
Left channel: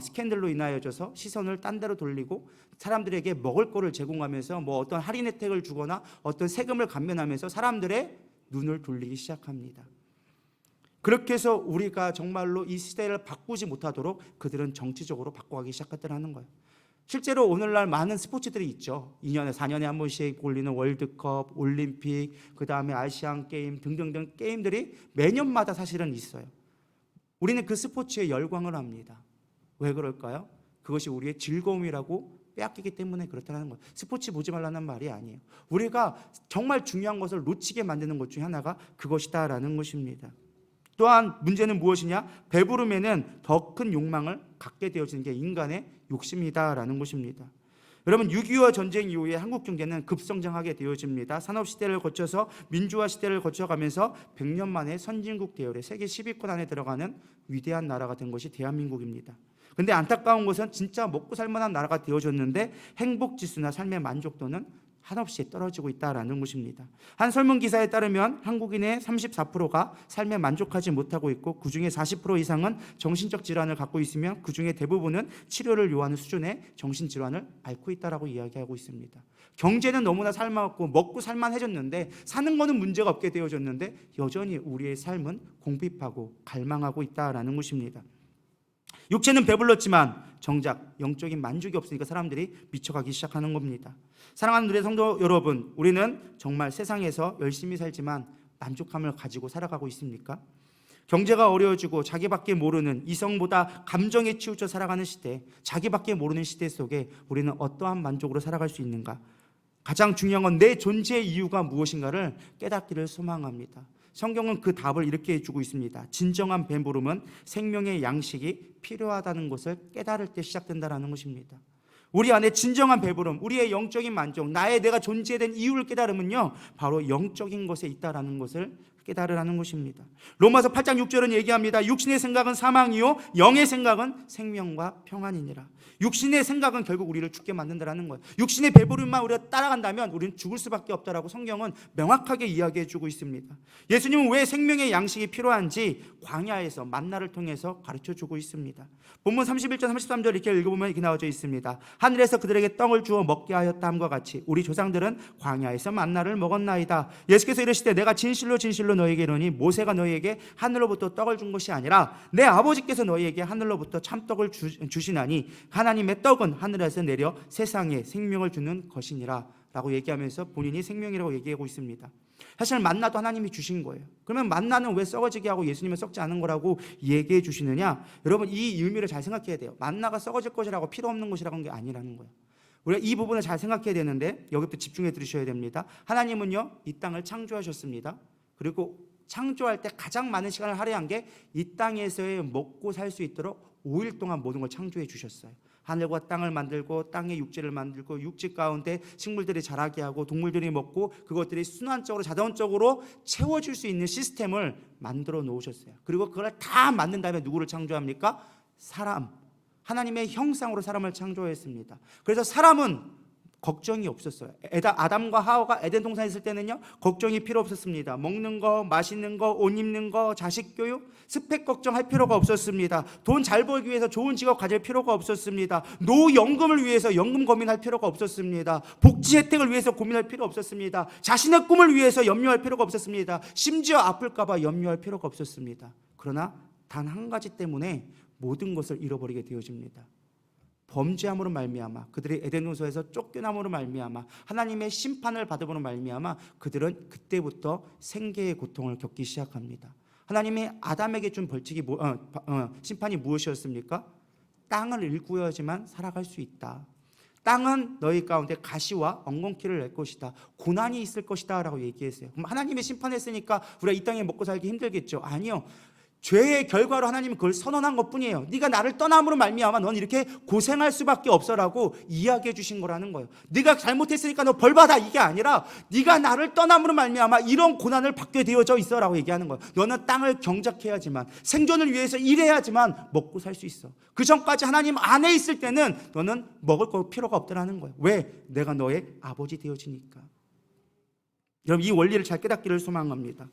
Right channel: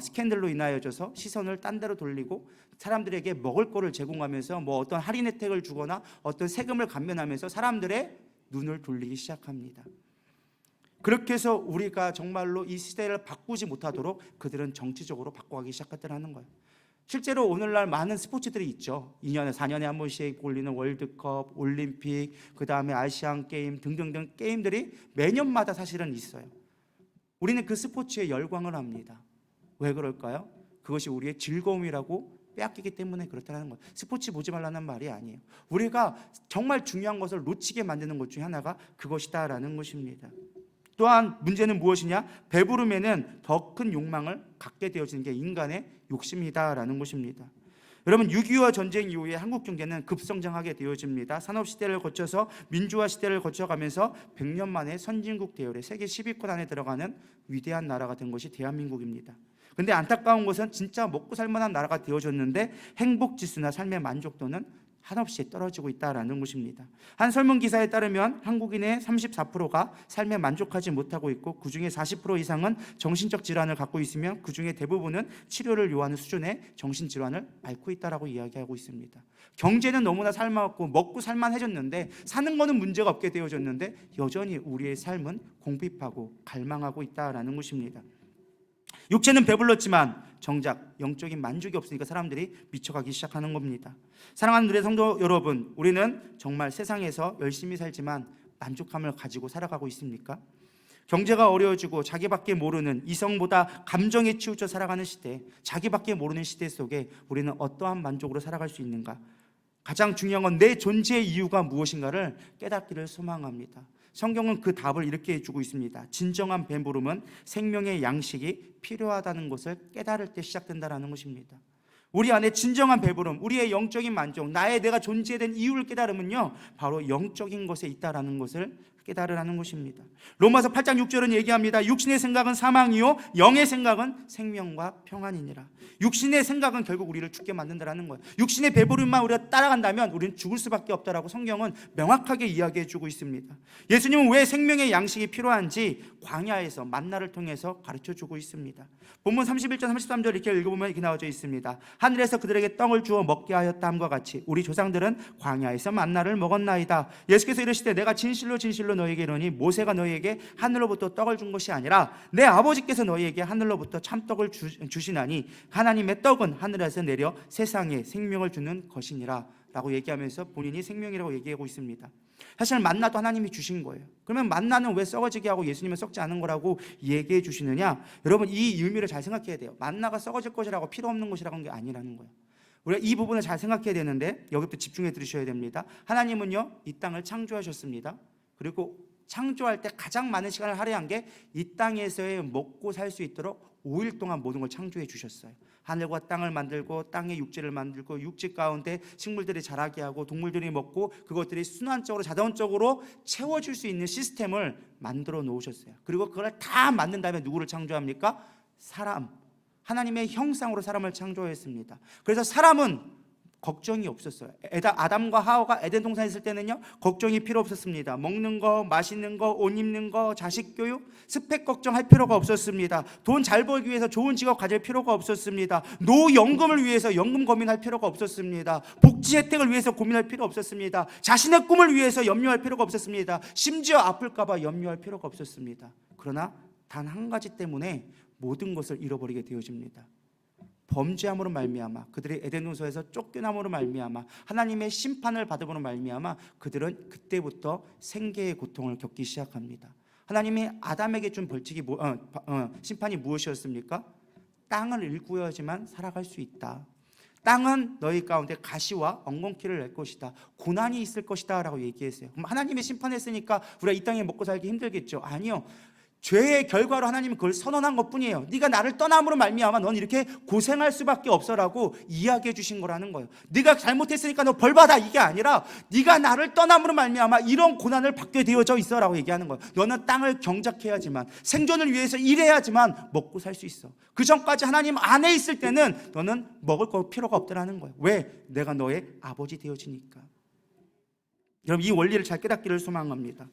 스캔들로 인하여져서 시선을 딴 데로 돌리고 사람들에게 먹을 거를 제공하면서 뭐 어떤 할인 혜택을 주거나 어떤 세금을 감면하면서 사람들의 눈을 돌리기 시작합니다. 그렇게 해서 우리가 정말로 이 시대를 바꾸지 못하도록 그들은 정치적으로 바꿔가기 시작했다는 거예요. 실제로 오늘날 많은 스포츠들이 있죠. 2년에 4년에 한 번씩 올리는 월드컵, 올림픽, 그 다음에 아시안 게임 등등등 게임들이 매년마다 사실은 있어요. 우리는 그 스포츠에 열광을 합니다. 왜 그럴까요? 그것이 우리의 즐거움이라고 빼앗기기 때문에 그렇다는 거예요. 스포츠 보지 말라는 말이 아니에요. 우리가 정말 중요한 것을 놓치게 만드는 것 중에 하나가 그것이다라는 것입니다. 또한 문제는 무엇이냐? 배부름에는 더 큰 욕망을 갖게 되어지는 게 인간의 욕심이다라는 것입니다. 여러분 6.25 전쟁 이후에 한국 경제는 급성장하게 되어집니다. 산업시대를 거쳐서 민주화 시대를 거쳐가면서 100년 만에 선진국 대열에 세계 10위권 안에 들어가는 위대한 나라가 된 것이 대한민국입니다. 근데 안타까운 것은 진짜 먹고 살만한 나라가 되어졌는데 행복지수나 삶의 만족도는 한없이 떨어지고 있다는 것입니다. 한 설문기사에 따르면 한국인의 34%가 삶에 만족하지 못하고 있고 그중에 40% 이상은 정신적 질환을 갖고 있으며 그중에 대부분은 치료를 요하는 수준의 정신질환을 앓고 있다고 이야기하고 있습니다. 경제는 너무나 살만하고 먹고 살만해졌는데 사는 것은 문제가 없게 되어졌는데 여전히 우리의 삶은 공핍하고 갈망하고 있다는 것입니다. 육체는 배불렀지만 정작 영적인 만족이 없으니까 사람들이 미쳐가기 시작하는 겁니다. 사랑하는 우리 성도 여러분, 우리는 정말 세상에서 열심히 살지만 만족함을 가지고 살아가고 있습니까? 경제가 어려워지고 자기밖에 모르는 이성보다 감정에 치우쳐 살아가는 시대, 자기밖에 모르는 시대 속에 우리는 어떠한 만족으로 살아갈 수 있는가? 가장 중요한 건 내 존재의 이유가 무엇인가를 깨닫기를 소망합니다. 성경은 그 답을 이렇게 해주고 있습니다. 진정한 배부름은 생명의 양식이 필요하다는 것을 깨달을 때 시작된다는 것입니다. 우리 안에 진정한 배부름, 우리의 영적인 만족, 내가 존재에 대한 이유를 깨달으면요 바로 영적인 것에 있다라는 것을 깨달으라는 것입니다. 로마서 8장 6절은 얘기합니다. 육신의 생각은 사망이요 영의 생각은 생명과 평안이니라. 육신의 생각은 결국 우리를 죽게 만든다는 거예요. 육신의 배부름만 우리가 따라간다면 우리는 죽을 수밖에 없다라고 성경은 명확하게 이야기해 주고 있습니다. 예수님은 왜 생명의 양식이 필요한지 광야에서 만나를 통해서 가르쳐 주고 있습니다. 본문 31절 33절 이렇게 읽어보면 이렇게 나와져 있습니다. 하늘에서 그들에게 떡을 주어 먹게 하였다함과 같이 우리 조상들은 광야에서 만나를 먹었나이다. 예수께서 이르시되 내가 진실로 진실로 너희에게 이르노니 모세가 너희에게 하늘로부터 떡을 준 것이 아니라 내 아버지께서 너희에게 하늘로부터 참떡을 주시나니 하나님의 떡은 하늘에서 내려 세상에 생명을 주는 것이니라 라고 얘기하면서 본인이 생명이라고 얘기하고 있습니다. 사실 만나도 하나님이 주신 거예요. 그러면 만나는 왜 썩어지게 하고 예수님은 썩지 않은 거라고 얘기해 주시느냐? 여러분 이 의미를 잘 생각해야 돼요. 만나가 썩어질 것이라고 필요 없는 것이라고 한 게 아니라는 거예요. 우리가 이 부분을 잘 생각해야 되는데 여기부터 집중해 들으셔야 됩니다. 하나님은요 이 땅을 창조하셨습니다. 그리고 창조할 때 가장 많은 시간을 할애한 게 이 땅에서의 먹고 살 수 있도록 5일 동안 모든 걸 창조해 주셨어요. 하늘과 땅을 만들고 땅의 육지를 만들고 육지 가운데 식물들이 자라게 하고 동물들이 먹고 그것들이 순환적으로 자동적으로 채워줄 수 있는 시스템을 만들어 놓으셨어요. 그리고 그걸 다 만든 다음에 누구를 창조합니까? 사람, 하나님의 형상으로 사람을 창조했습니다. 그래서 사람은 걱정이 없었어요. 아담과 하와가 에덴 동산에 있을 때는요 걱정이 필요 없었습니다. 먹는 거, 마시는 거, 옷 입는 거, 자식 교육, 스펙 걱정할 필요가 없었습니다. 돈 잘 벌기 위해서 좋은 직업 가질 필요가 없었습니다. 노연금을 위해서 연금 고민할 필요가 없었습니다. 복지 혜택을 위해서 고민할 필요 없었습니다. 자신의 꿈을 위해서 염려할 필요가 없었습니다. 심지어 아플까 봐 염려할 필요가 없었습니다. 그러나 단 한 가지 때문에 모든 것을 잃어버리게 되어집니다. 범죄함으로 말미암아 그들의 에덴 동산에서 쫓겨남으로 말미암아 하나님의 심판을 받음으로 말미암아 그들은 그때부터 생계의 고통을 겪기 시작합니다. 하나님이 아담에게 준 벌칙이 심판이 무엇이었습니까? 땅을 일구어야지만 살아갈 수 있다. 땅은 너희 가운데 가시와 엉겅퀴를 낼 것이다. 고난이 있을 것이다 라고 얘기했어요. 그럼 하나님의 심판했으니까 우리가 이 땅에 먹고 살기 힘들겠죠? 아니요. 죄의 결과로 하나님은 그걸 선언한 것뿐이에요. 네가 나를 떠남으로 말미암아 넌 이렇게 고생할 수밖에 없어라고 이야기해 주신 거라는 거예요. 네가 잘못했으니까 너 벌 받아 이게 아니라 네가 나를 떠남으로 말미암아 이런 고난을 받게 되어져 있어라고 얘기하는 거예요. 너는 땅을 경작해야지만 생존을 위해서 일해야지만 먹고 살 수 있어. 그 전까지 하나님 안에 있을 때는 너는 먹을 거 필요가 없더라는 거예요. 왜? 내가 너의 아버지 되어지니까. 여러분 이 원리를 잘 깨닫기를 소망합니다.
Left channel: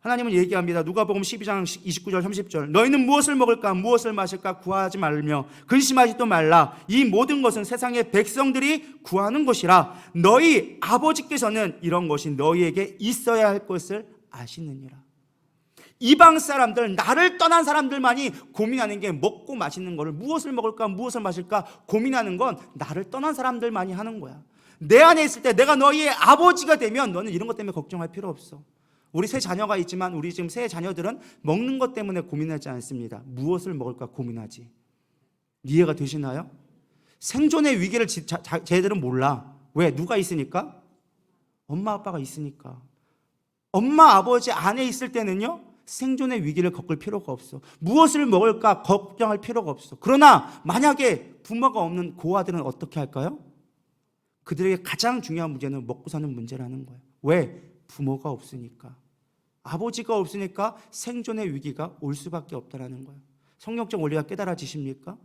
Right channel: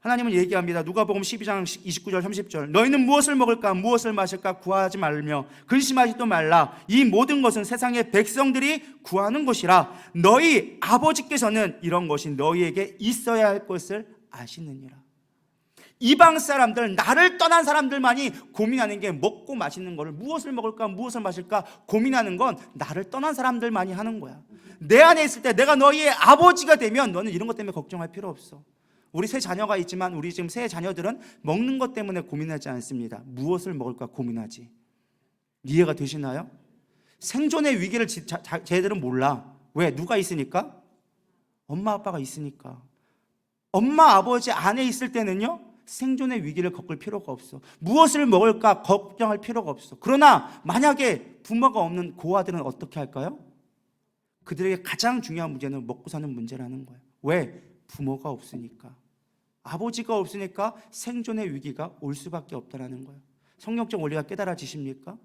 하나님은 얘기합니다. 누가복음 12장 29절 30절 너희는 무엇을 먹을까 무엇을 마실까 구하지 말며 근심하지도 말라. 이 모든 것은 세상의 백성들이 구하는 것이라. 너희 아버지께서는 이런 것이 너희에게 있어야 할 것을 아시느니라. 이방 사람들, 나를 떠난 사람들만이 고민하는 게 먹고 마시는 거를 무엇을 먹을까 무엇을 마실까 고민하는 건 나를 떠난 사람들만이 하는 거야. 내 안에 있을 때 내가 너희의 아버지가 되면 너는 이런 것 때문에 걱정할 필요 없어. 우리 세 자녀가 있지만 우리 지금 세 자녀들은 먹는 것 때문에 고민하지 않습니다. 무엇을 먹을까 고민하지. 이해가 되시나요? 생존의 위기를 쟤들은 몰라. 왜? 누가 있으니까? 엄마 아빠가 있으니까. 엄마 아버지 안에 있을 때는요 생존의 위기를 겪을 필요가 없어. 무엇을 먹을까 걱정할 필요가 없어. 그러나 만약에 부모가 없는 고아들은 어떻게 할까요? 그들에게 가장 중요한 문제는 먹고 사는 문제라는 거예요. 왜? 부모가 없으니까. 아버지가 없으니까 생존의 위기가 올 수밖에 없다는 거예요. 성경적 원리가 깨달아지십니까?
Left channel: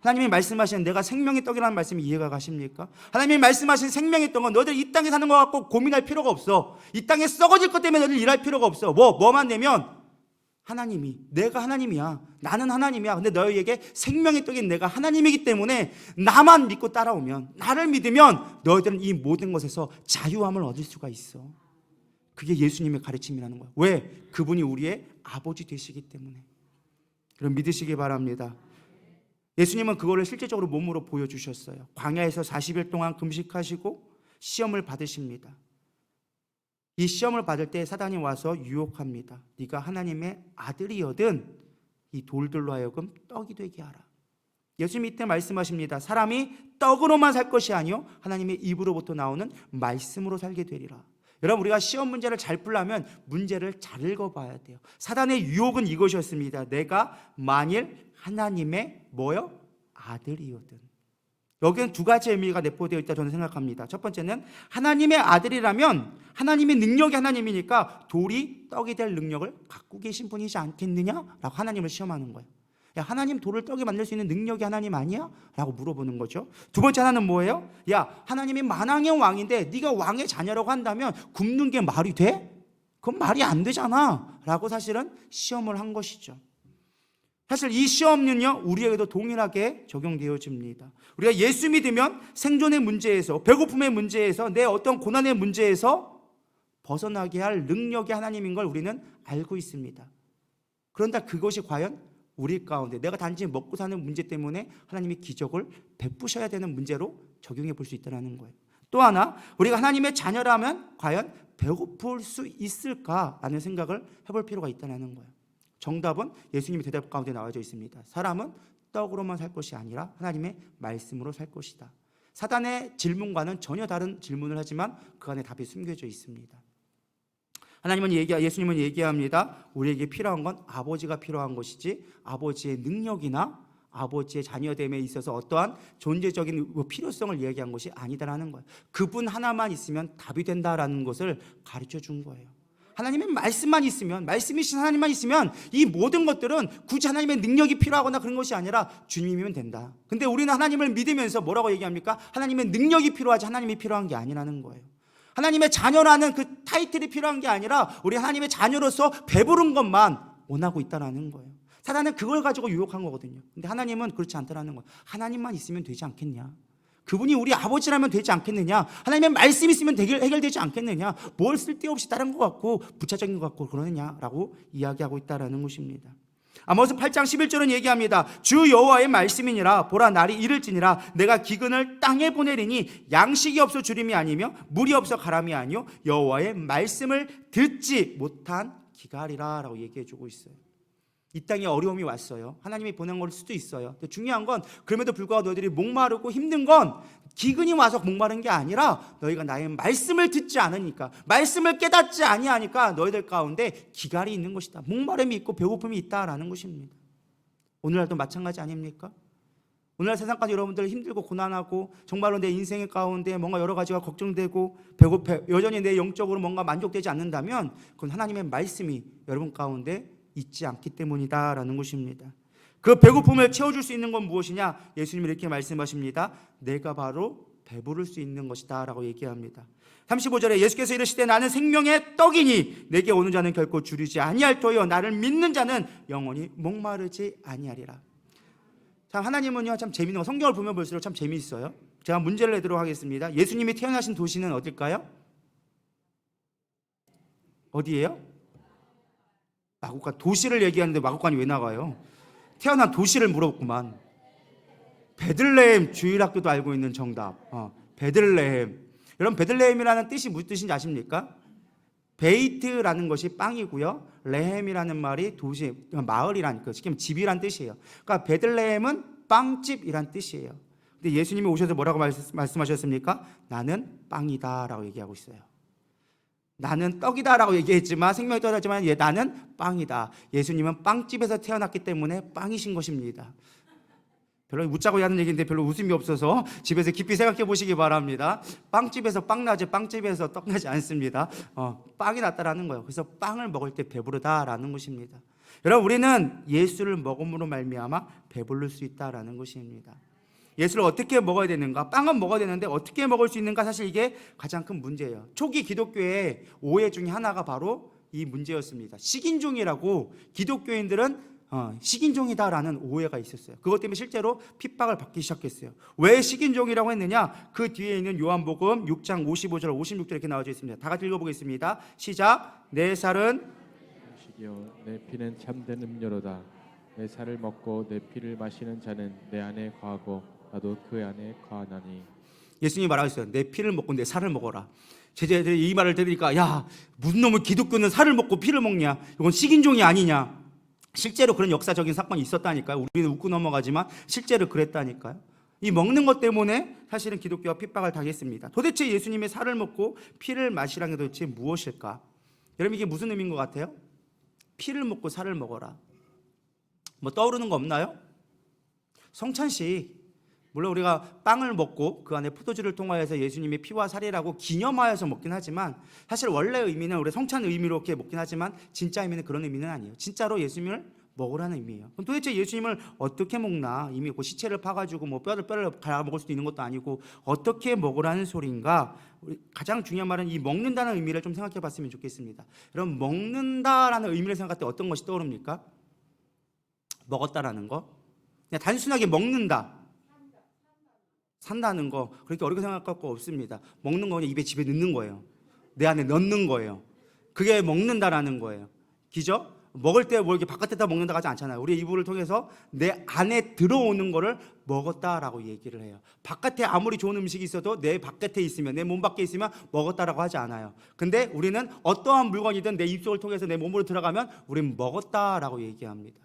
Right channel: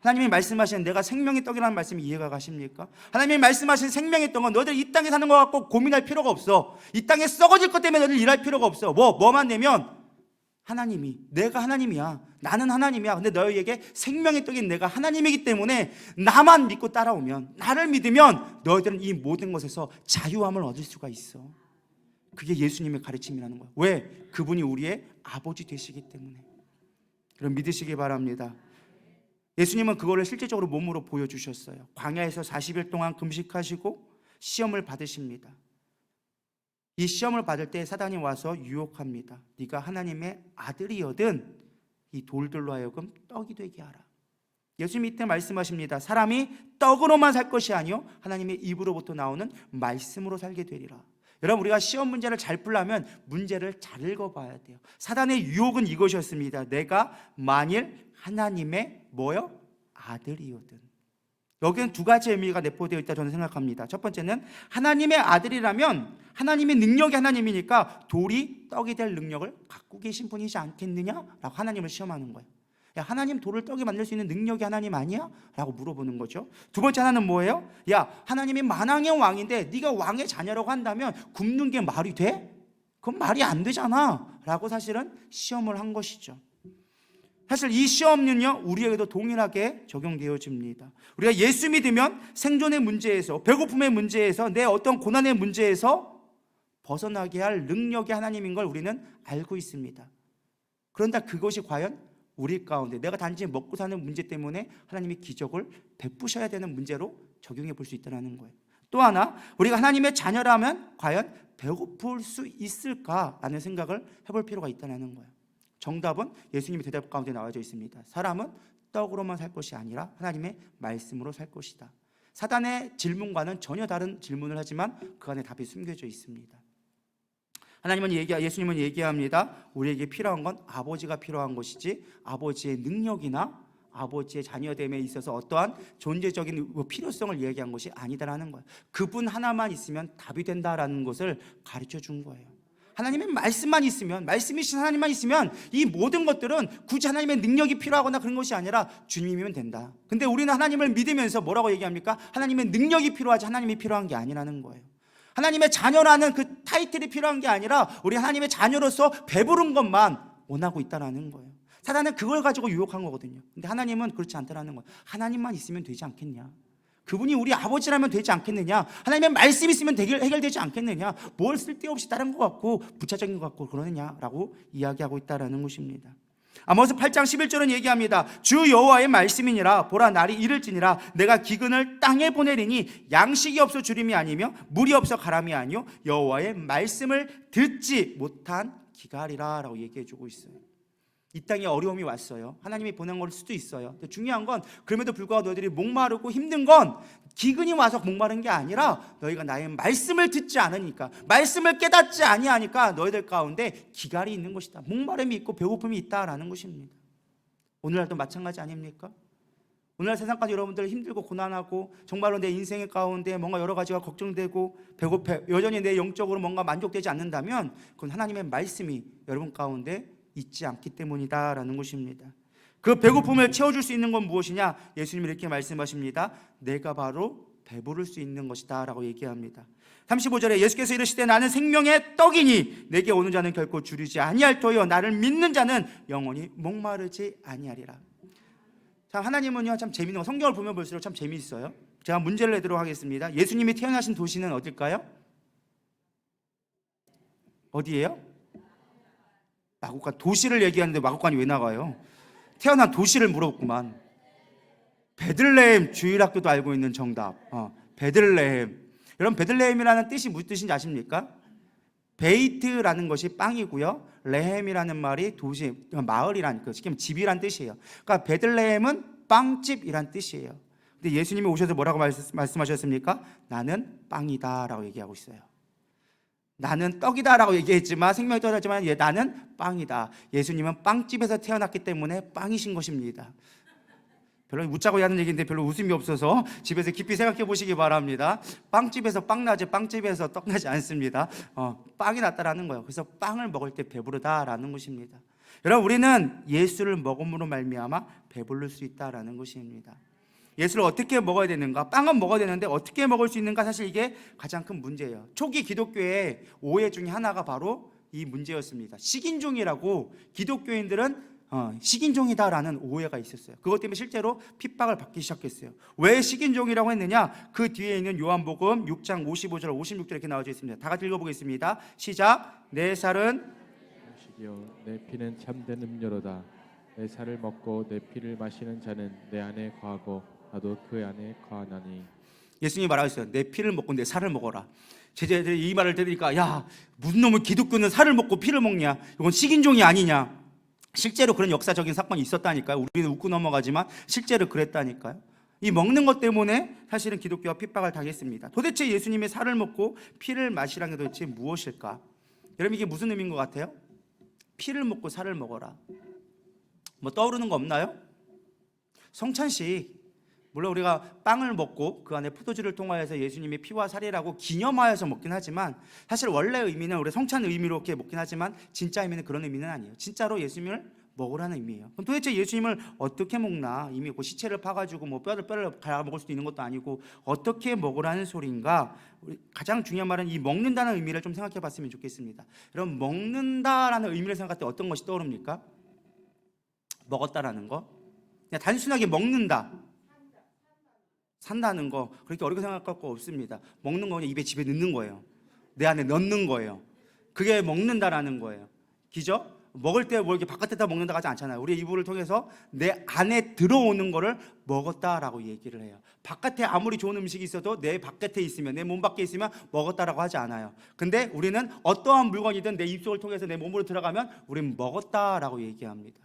하나님이 말씀하시는 내가 생명의 떡이라는 말씀이 이해가 가십니까? 하나님이 말씀하신 생명의 떡은 너희들 이 땅에 사는 것 갖고 고민할 필요가 없어. 이 땅에 썩어질 것 때문에 너희들 일할 필요가 없어. 뭐만 되면 하나님이, 내가 하나님이야. 나는 하나님이야. 근데 너희에게 생명의 떡인 내가 하나님이기 때문에 나만 믿고 따라오면, 나를 믿으면 너희들은 이 모든 것에서 자유함을 얻을 수가 있어. 그게 예수님의 가르침이라는 거예요. 왜? 그분이 우리의 아버지 되시기 때문에. 그럼 믿으시기 바랍니다. 예수님은 그거를 실제적으로 몸으로 보여주셨어요. 광야에서 40일 동안 금식하시고 시험을 받으십니다. 이 시험을 받을 때 사단이 와서 유혹합니다. 네가 하나님의 아들이거든 이 돌들로 하여금 떡이 되게 하라. 예수님이 이때 말씀하십니다. 사람이 떡으로만 살 것이 아니요 하나님의 입으로부터 나오는 말씀으로 살게 되리라. 여러분, 우리가 시험 문제를 잘 풀려면 문제를 잘 읽어봐야 돼요. 사단의 유혹은 이것이었습니다. 내가 만일 하나님의 뭐요? 아들이거든. 여기는 두 가지 의미가 내포되어 있다 저는 생각합니다. 첫 번째는 하나님의 아들이라면 하나님의 능력이 하나님이니까 돌이 떡이 될 능력을 갖고 계신 분이지 않겠느냐라고 하나님을 시험하는 거예요. 야, 하나님 돌을 떡이 만들 수 있는 능력이 하나님 아니야? 라고 물어보는 거죠. 두 번째 하나는 뭐예요? 야, 하나님이 만왕의 왕인데 네가 왕의 자녀라고 한다면 굶는 게 말이 돼? 그건 말이 안 되잖아 라고 사실은 시험을 한 것이죠. 사실 이 시험은요 우리에게도 동일하게 적용되어집니다. 우리가 예수 믿으면 생존의 문제에서, 배고픔의 문제에서, 내 어떤 고난의 문제에서 벗어나게 할 능력이 하나님인 걸 우리는 알고 있습니다. 그런데 그것이 과연 우리 가운데 내가 단지 먹고 사는 문제 때문에 하나님이 기적을 베푸셔야 되는 문제로 적용해 볼 수 있다는 거예요. 또 하나, 우리가 하나님의 자녀라면 과연 배고플 수 있을까라는 생각을 해볼 필요가 있다는 거예요. 정답은 예수님의 대답 가운데 나와져 있습니다. 사람은 떡으로만 살 것이 아니라 하나님의 말씀으로 살 것이다. 사단의 질문과는 전혀 다른 질문을 하지만 그 안에 답이 숨겨져 있습니다. 예수님은 얘기합니다. 우리에게 필요한 건 아버지가 필요한 것이지 아버지의 능력이나 아버지의 자녀됨에 있어서 어떠한 존재적인 필요성을 얘기한 것이 아니다라는 거예요. 그분 하나만 있으면 답이 된다라는 것을 가르쳐 준 거예요. 하나님의 말씀만 있으면, 말씀이신 하나님만 있으면 이 모든 것들은 굳이 하나님의 능력이 필요하거나 그런 것이 아니라 주님이면 된다. 근데 우리는 하나님을 믿으면서 뭐라고 얘기합니까? 하나님의 능력이 필요하지 하나님이 필요한 게 아니라는 거예요. 하나님의 자녀라는 그 타이틀이 필요한 게 아니라 우리 하나님의 자녀로서 배부른 것만 원하고 있다는 거예요. 사단은 그걸 가지고 유혹한 거거든요. 근데 하나님은 그렇지 않다는 거예요. 하나님만 있으면 되지 않겠냐? 그분이 우리 아버지라면 되지 않겠느냐? 하나님의 말씀이 있으면 해결되지 않겠느냐? 뭘 쓸데없이 다른 것 같고 부차적인 것 같고 그러느냐라고 이야기하고 있다는 것입니다. 아모스 8장 11절은 얘기합니다. 주 여호와의 말씀이니라. 보라, 날이 이를지니라. 내가 기근을 땅에 보내리니 양식이 없어 주림이 아니며 물이 없어 가람이 아니요 여호와의 말씀을 듣지 못한 기갈이라 라고 얘기해주고 있어요. 이 땅에 어려움이 왔어요. 하나님이 보낸 걸 수도 있어요. 근데 중요한 건 그럼에도 불구하고 너희들이 목마르고 힘든 건 기근이 와서 목마른 게 아니라 너희가 나의 말씀을 듣지 않으니까, 말씀을 깨닫지 아니하니까 너희들 가운데 기갈이 있는 것이다. 목마름이 있고 배고픔이 있다라는 것입니다. 오늘날도 마찬가지 아닙니까? 오늘날 세상까지 여러분들 힘들고 고난하고 정말로 내 인생의 가운데 뭔가 여러 가지가 걱정되고 배고파 여전히 내 영적으로 뭔가 만족되지 않는다면 그건 하나님의 말씀이 여러분 가운데 있지 않기 때문이다라는 것입니다. 그 배고픔을 채워줄 수 있는 건 무엇이냐? 예수님이 이렇게 말씀하십니다. 내가 바로 배부를 수 있는 것이다 라고 얘기합니다. 35절에 예수께서 이르시되 나는 생명의 떡이니 내게 오는 자는 결코 줄이지 아니할 터여 나를 믿는 자는 영원히 목마르지 아니하리라. 자, 하나님은요 참 재미있는 거, 성경을 보면 볼수록 참 재미있어요. 제가 문제를 내도록 하겠습니다. 예수님이 태어나신 도시는 어딜까요? 어디예요? 마곡간. 도시를 얘기하는데 마곡간이 왜 나가요? 태어난 도시를 물었구만. 베들레헴. 주일학교도 알고 있는 정답. 베들레헴. 여러분, 베들레헴이라는 뜻이 무슨 뜻인지 아십니까? 베이트라는 것이 빵이고요, 레헴이라는 말이 도시, 마을이란, 지금 집이란 뜻이에요. 그러니까 베들레헴은 빵집이란 뜻이에요. 근데 예수님이 오셔서 뭐라고 말씀하셨습니까? 나는 빵이다 라고 얘기하고 있어요. 나는 떡이다 라고 얘기했지만, 생명이 떡이지만 나는 빵이다. 예수님은 빵집에서 태어났기 때문에 빵이신 것입니다. 별로 웃자고 하는 얘기인데 별로 웃음이 없어서 집에서 깊이 생각해 보시기 바랍니다. 빵집에서 빵 나지 빵집에서 떡 나지 않습니다. 빵이 낫다라는 거예요. 그래서 빵을 먹을 때 배부르다라는 것입니다. 여러분, 우리는 예수를 먹음으로 말미암아 배부를 수 있다라는 것입니다. 예수를 어떻게 먹어야 되는가? 빵은 먹어야 되는데 어떻게 먹을 수 있는가? 사실 이게 가장 큰 문제예요. 초기 기독교의 오해 중에 하나가 바로 이 문제였습니다. 식인종이라고 기독교인들은 식인종이다라는 오해가 있었어요. 그것 때문에 실제로 핍박을 받기 시작했어요. 왜 식인종이라고 했느냐? 그 뒤에 있는 요한복음 6장 55절 56절 이렇게 나와져 있습니다. 다 같이 읽어보겠습니다. 시작. 내 살은 음식이요 내 피는 참된 음료로다. 내 살을 먹고 내 피를 마시는 자는 내 안에 거하고 나도 그 안에 거하나니. 예수님이 말하셨어요. 내 피를 먹고 내 살을 먹어라. 제자들이 이 말을 들으니까 야, 무슨 놈의 기독교는 살을 먹고 피를 먹냐? 이건 식인종이 아니냐? 실제로 그런 역사적인 사건이 있었다니까요. 우리는 웃고 넘어가지만 실제로 그랬다니까요. 이 먹는 것 때문에 사실은 기독교가 핍박을 당했습니다. 도대체 예수님의 살을 먹고 피를 마시라는 게 도대체 무엇일까? 여러분, 이게 무슨 의미인 것 같아요? 피를 먹고 살을 먹어라. 뭐 떠오르는 거 없나요? 성찬식, 물론 우리가 빵을 먹고 그 안에 포도주를 통하여서 예수님의 피와 살이라고 기념하여서 먹긴 하지만 사실 원래 의미는 우리 성찬 의미로 이렇게 먹긴 하지만 진짜 의미는 그런 의미는 아니에요. 진짜로 예수님을 먹으라는 의미예요. 그럼 도대체 예수님을 어떻게 먹나? 이미 그 시체를 파가지고 뭐 뼈를 갈아 먹을 수도 있는 것도 아니고 어떻게 먹으라는 소리인가? 가장 중요한 말은 이 먹는다는 의미를 좀 생각해 봤으면 좋겠습니다. 여러분, 먹는다라는 의미를 생각할 때 어떤 것이 떠오릅니까? 먹었다라는 거? 그냥 단순하게 먹는다, 산다는 거, 그렇게 어렵게 생각할 거 없습니다. 먹는 거 그냥 입에 집에 넣는 거예요. 내 안에 넣는 거예요. 그게 먹는다라는 거예요. 기죠? 먹을 때 뭐 이렇게 바깥에다 먹는다 하지 않잖아요. 우리 이불을 통해서 내 안에 들어오는 거를 먹었다라고 얘기를 해요. 바깥에 아무리 좋은 음식이 있어도 내 바깥에 있으면, 내 몸 밖에 있으면 먹었다라고 하지 않아요. 근데 우리는 어떠한 물건이든 내 입속을 통해서 내 몸으로 들어가면 우리는 먹었다라고 얘기합니다.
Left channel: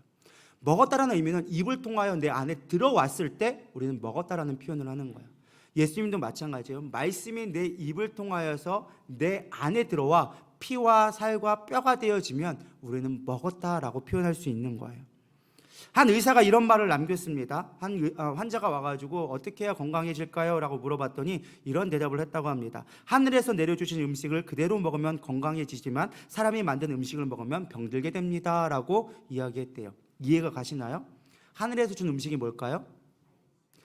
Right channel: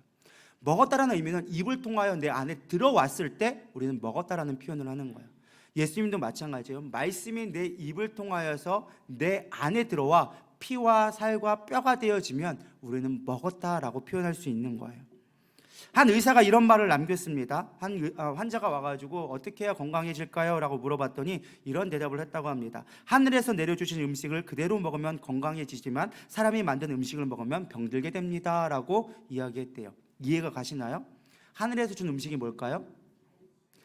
먹었다라는 의미는 입을 통하여 내 안에 들어왔을 때 우리는 먹었다라는 표현을 하는 거예요. 예수님도 마찬가지예요. 말씀이 내 입을 통하여서 내 안에 들어와 피와 살과 뼈가 되어지면 우리는 먹었다라고 표현할 수 있는 거예요. 한 의사가 이런 말을 남겼습니다. 한 환자가 와가지고 어떻게 해야 건강해질까요? 라고 물어봤더니 이런 대답을 했다고 합니다. 하늘에서 내려주신 음식을 그대로 먹으면 건강해지지만 사람이 만든 음식을 먹으면 병들게 됩니다. 라고 이야기했대요. 이해가 가시나요? 하늘에서 준 음식이 뭘까요?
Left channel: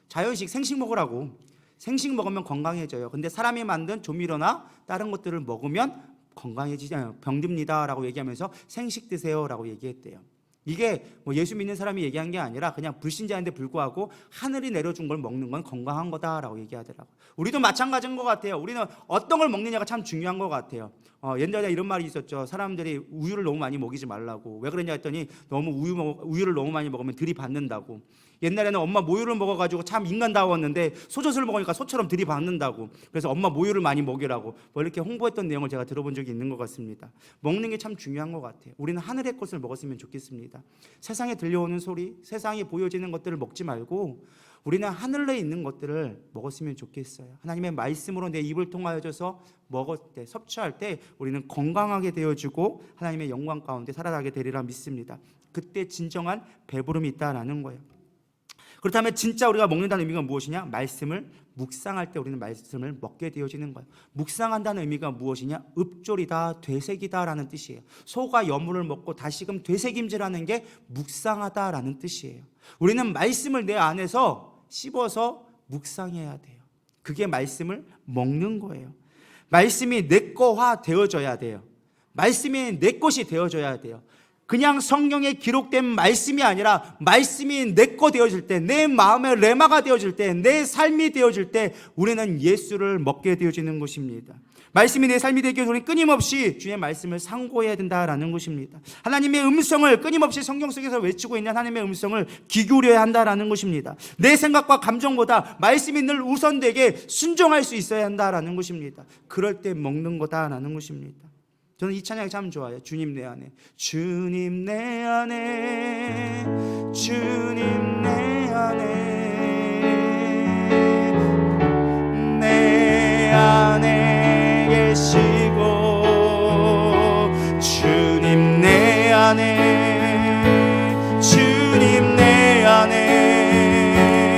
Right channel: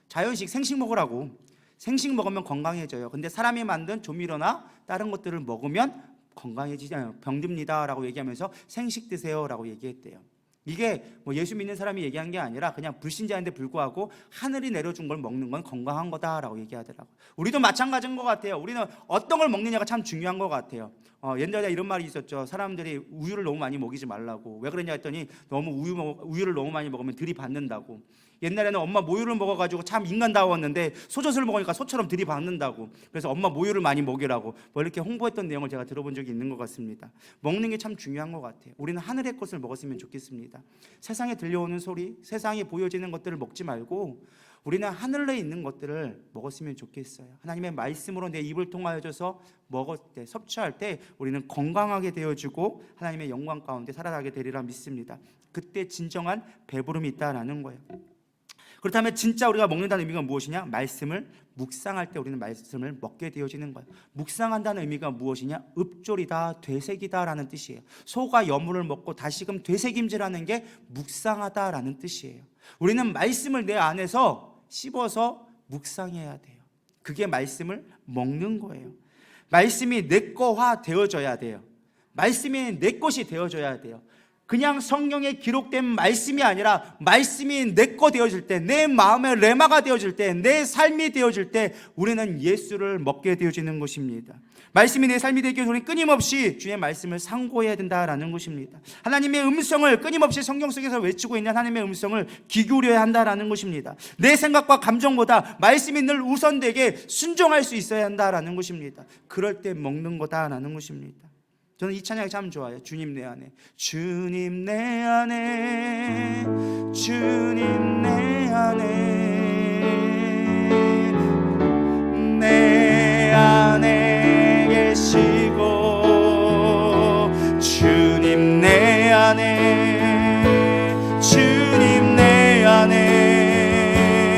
자연식, 생식 먹으라고. 생식 먹으면 건강해져요. 근데 사람이 만든 조미료나 다른 것들을 먹으면 건강해지잖아요. 병듭니다 라고 얘기하면서 생식 드세요 라고 얘기했대요. 이게 뭐 예수 믿는 사람이 얘기한 게 아니라 그냥 불신자인데 불구하고 하늘이 내려준 걸 먹는 건 건강한 거다라고 얘기하더라고요. 우리도 마찬가지인 것 같아요. 우리는 어떤 걸 먹느냐가 참 중요한 것 같아요. 옛날에 이런 말이 있었죠. 사람들이 우유를 너무 많이 먹이지 말라고. 왜 그러냐 했더니 너무 우유를 너무 많이 먹으면 들이받는다고. 옛날에는 엄마 모유를 먹어가지고 참 인간다웠는데 소젖을 먹으니까 소처럼 들이받는다고. 그래서 엄마 모유를 많이 먹이라고 뭐 이렇게 홍보했던 내용을 제가 들어본 적이 있는 것 같습니다. 먹는 게 참 중요한 것 같아요. 우리는 하늘의 것을 먹었으면 좋겠습니다. 세상에 들려오는 소리, 세상에 보여지는 것들을 먹지 말고 우리는 하늘에 있는 것들을 먹었으면 좋겠어요. 하나님의 말씀으로 내 입을 통하여져서 먹을 때, 섭취할 때 우리는 건강하게 되어지고 하나님의 영광 가운데 살아가게 되리라 믿습니다. 그때 진정한 배부름이 있다라는 거예요. 그렇다면 진짜 우리가 먹는다는 의미가 무엇이냐? 말씀을 묵상할 때 우리는 말씀을 먹게 되어지는 거예요. 묵상한다는 의미가 무엇이냐? 읍조리다, 되새기다라는 뜻이에요. 소가 여물을 먹고 다시금 되새김질하는 게 묵상하다라는 뜻이에요. 우리는 말씀을 내 안에서 씹어서 묵상해야 돼요. 그게 말씀을 먹는 거예요. 말씀이 내 거화 되어져야 돼요. 말씀이 내 것이 되어져야 돼요. 그냥 성경에 기록된 말씀이 아니라 말씀이 내 거 되어질 때, 내 마음의 레마가 되어질 때, 내 삶이 되어질 때 우리는 예수를 먹게 되어지는 것입니다. 말씀이 내 삶이 되기 위해 우리 끊임없이 주의 말씀을 상고해야 된다라는 것입니다. 하나님의 음성을 끊임없이 성경 속에서 외치고 있는 하나님의 음성을 귀 기울여야 한다라는 것입니다. 내 생각과 감정보다 말씀이 늘 우선되게 순종할 수 있어야 한다라는 것입니다. 그럴 때 먹는 거다라는 것입니다. 저는 이 찬양이 참 좋아요. 주님 내 안에, 주님 내 안에, 주님 내 안에, 내 안에 계시고, 주님 내 안에, 주님 내 안에,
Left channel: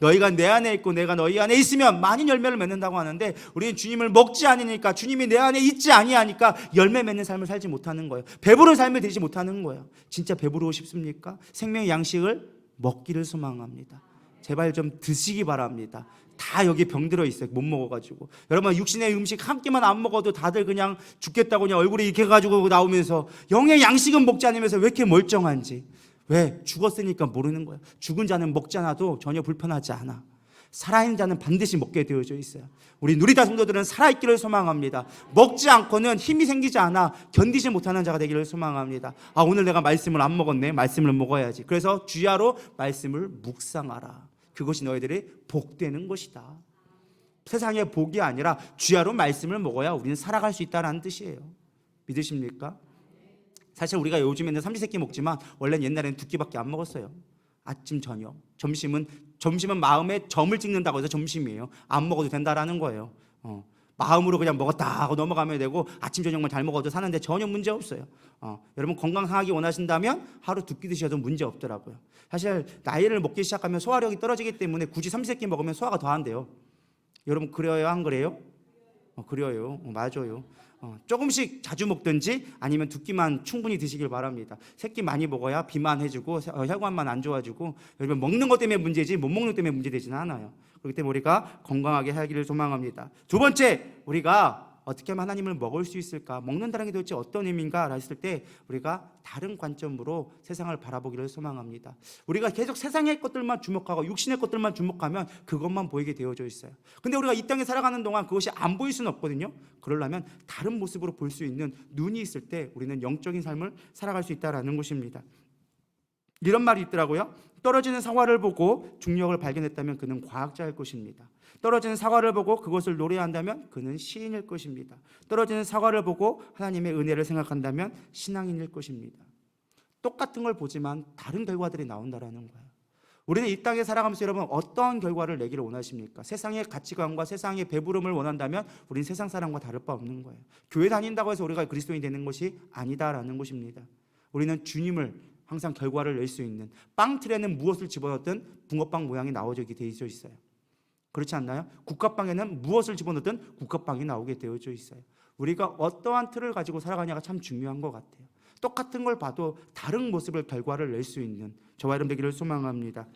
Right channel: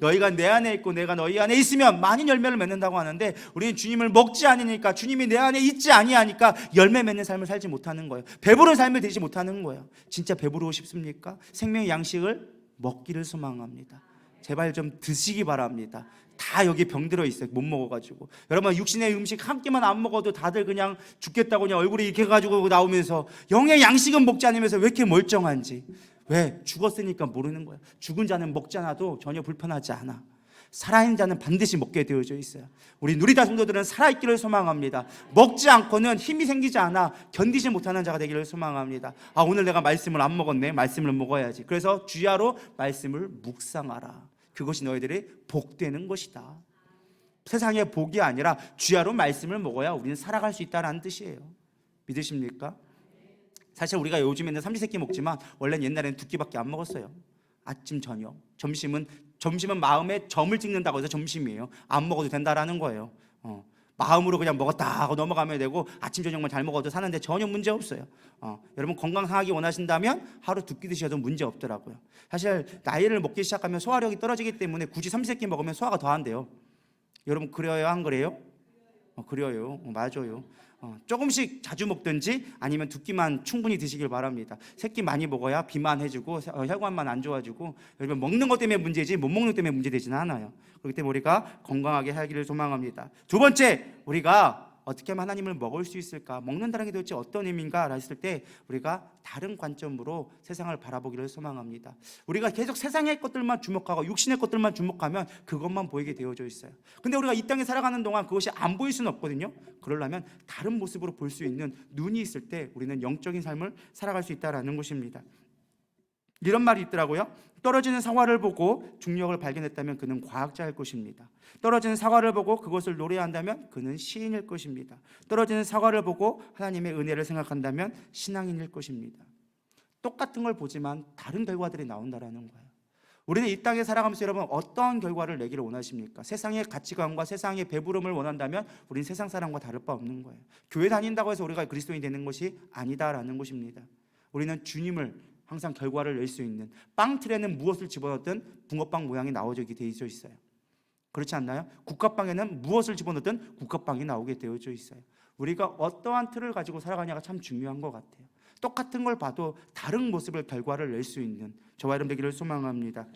너희가 내 안에 있고 내가 너희 안에 있으면 많은 열매를 맺는다고 하는데 우리는 주님을 먹지 않으니까, 주님이 내 안에 있지 아니하니까 열매 맺는 삶을 살지 못하는 거예요. 배부른 삶을 되지 못하는 거예요. 진짜 배부르고 싶습니까? 생명의 양식을 먹기를 소망합니다. 제발 좀 드시기 바랍니다. 다 여기 병들어 있어요. 못 먹어가지고. 여러분, 육신의 음식 한 끼만 안 먹어도 다들 그냥 죽겠다고 그냥 얼굴이 이렇게 해가지고 나오면서 영의 양식은 먹지 않으면서 왜 이렇게 멀쩡한지. 왜? 죽었으니까 모르는 거예요. 죽은 자는 먹지 않아도 전혀 불편하지 않아. 살아있는 자는 반드시 먹게 되어져 있어요. 우리 누리다 성도들은 살아있기를 소망합니다. 먹지 않고는 힘이 생기지 않아 견디지 못하는 자가 되기를 소망합니다. 오늘 내가 말씀을 안 먹었네. 말씀을 먹어야지. 그래서 주야로 말씀을 묵상하라. 그것이 너희들의 복되는 것이다. 세상의 복이 아니라 주야로 말씀을 먹어야 우리는 살아갈 수 있다는 뜻이에요. 믿으십니까? 사실 우리가 요즘에는 삼시세끼 먹지만 원래는 옛날에는 2끼밖에 안 먹었어요. 아침, 저녁. 점심은 마음에 점을 찍는다고 해서 점심이에요. 안 먹어도 된다라는 거예요. 마음으로 그냥 먹었다 하고 넘어가면 되고 아침, 저녁만 잘 먹어도 사는데 전혀 문제 없어요. 여러분 건강 상하기 원하신다면 하루 2끼 드셔도 문제 없더라고요. 사실 나이를 먹기 시작하면 소화력이 떨어지기 때문에 굳이 삼시세끼 먹으면 소화가 더 안 돼요. 여러분 그래요? 안 그래요? 그래요. 맞아요. 조금씩 자주 먹든지 아니면 2끼만 충분히 드시길 바랍니다. 3끼 많이 먹어야 비만해지고 혈관만 안 좋아지고, 여러분 먹는 것 때문에 문제지 못 먹는 것 때문에 문제되지는 않아요. 그렇기 때문에 우리가 건강하게 살기를 소망합니다. 두 번째, 우리가 어떻게 하면 하나님을 먹을 수 있을까? 먹는다는 게 도대체 어떤 의미인가? 했을 때 우리가 다른 관점으로 세상을 바라보기를 소망합니다. 우리가 계속 세상의 것들만 주목하고 육신의 것들만 주목하면 그것만 보이게 되어져 있어요. 근데 우리가 이 땅에 살아가는 동안 그것이 안 보일 수는 없거든요. 그러려면 다른 모습으로 볼 수 있는 눈이 있을 때 우리는 영적인 삶을 살아갈 수 있다는 것입니다. 이런 말이 있더라고요. 떨어지는 사과를 보고 중력을 발견했다면 그는 과학자일 것입니다. 떨어지는 사과를 보고 그것을 노래한다면 그는 시인일 것입니다. 떨어지는 사과를 보고 하나님의 은혜를 생각한다면 신앙인일 것입니다. 똑같은 걸 보지만 다른 결과들이 나온다는 거예요. 우리는 이 땅에 살아가면서 여러분 어떤 결과를 내기를 원하십니까? 세상의 가치관과 세상의 배부름을 원한다면 우리는 세상 사람과 다를 바 없는 거예요. 교회 다닌다고 해서 우리가 그리스도인이 되는 것이 아니다라는 것입니다. 우리는 주님을 항상 결과를 낼 수 있는, 빵틀에는 무엇을 집어넣든 붕어빵 모양이 나오게 되어 있어요. 그렇지 않나요? 국화빵에는 무엇을 집어넣든 국화빵이 나오게 되어져 있어요. 우리가 어떠한 틀을 가지고 살아가냐가 참 중요한 것 같아요. 똑같은 걸 봐도 다른 모습을 결과를 낼 수 있는 저와 여러분 되기를 소망합니다.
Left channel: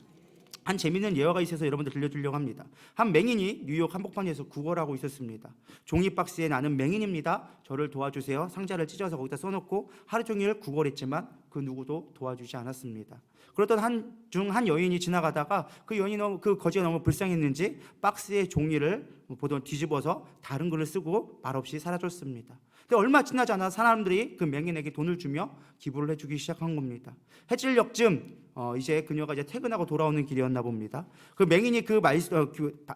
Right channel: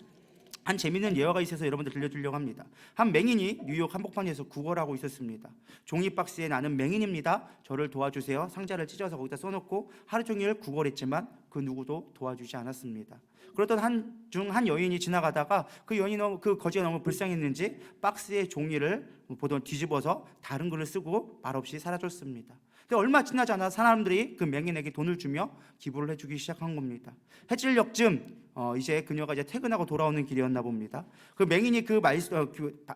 한 재미있는 예화가 있어서 여러분들 들려주려고 합니다. 한 맹인이 뉴욕 한복판에서 구걸하고 있었습니다. 종이 박스에 나는 맹인입니다. 저를 도와주세요. 상자를 찢어서 거기다 써놓고 하루 종일 구걸했지만 그 누구도 도와주지 않았습니다. 그러던 한 여인이 지나가다가 그 여인이 그 거지가 너무 불쌍했는지 박스의 종이를 보던 뒤집어서 다른 글을 쓰고 말없이 사라졌습니다. 근데 얼마 지나지 않아 사람들이 그 맹인에게 돈을 주며 기부를 해주기 시작한 겁니다. 해질녘쯤 이제 그녀가 이제 퇴근하고 돌아오는 길이었나 봅니다. 그 맹인이 그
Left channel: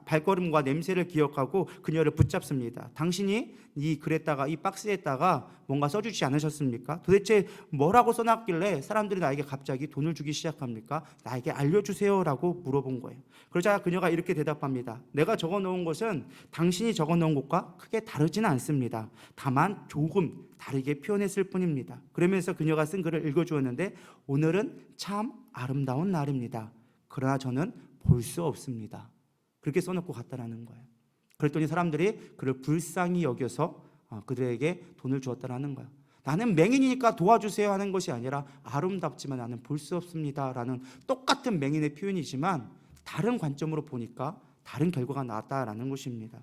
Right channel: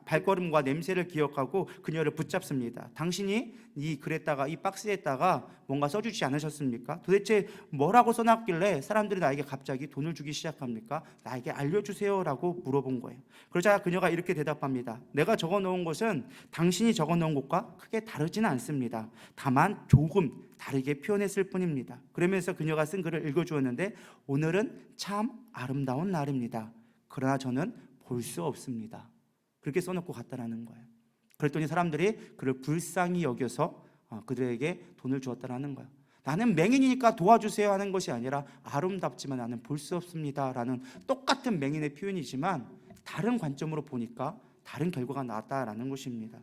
발걸음과 냄새를 기억하고 그녀를 붙잡습니다. 당신이 이 글에다가 이 박스에다가 뭔가 써주지 않으셨습니까? 도대체 뭐라고 써놨길래 사람들이 나에게 갑자기 돈을 주기 시작합니까? 나에게 알려주세요라고 물어본 거예요. 그러자 그녀가 이렇게 대답합니다. 내가 적어놓은 것은 당신이 적어놓은 것과 크게 다르지는 않습니다. 다만 조금 다르게 표현했을 뿐입니다. 그러면서 그녀가 쓴 글을 읽어주었는데, 오늘은 참 아름다운 날입니다. 그러나 저는 볼 수 없습니다. 그렇게 써놓고 갔다라는 거예요. 그랬더니 사람들이 그를 불쌍히 여겨서 그들에게 돈을 주었다라는 거예요. 나는 맹인이니까 도와주세요 하는 것이 아니라 아름답지만 나는 볼 수 없습니다 라는 똑같은 맹인의 표현이지만 다른 관점으로 보니까 다른 결과가 나왔다라는 것입니다.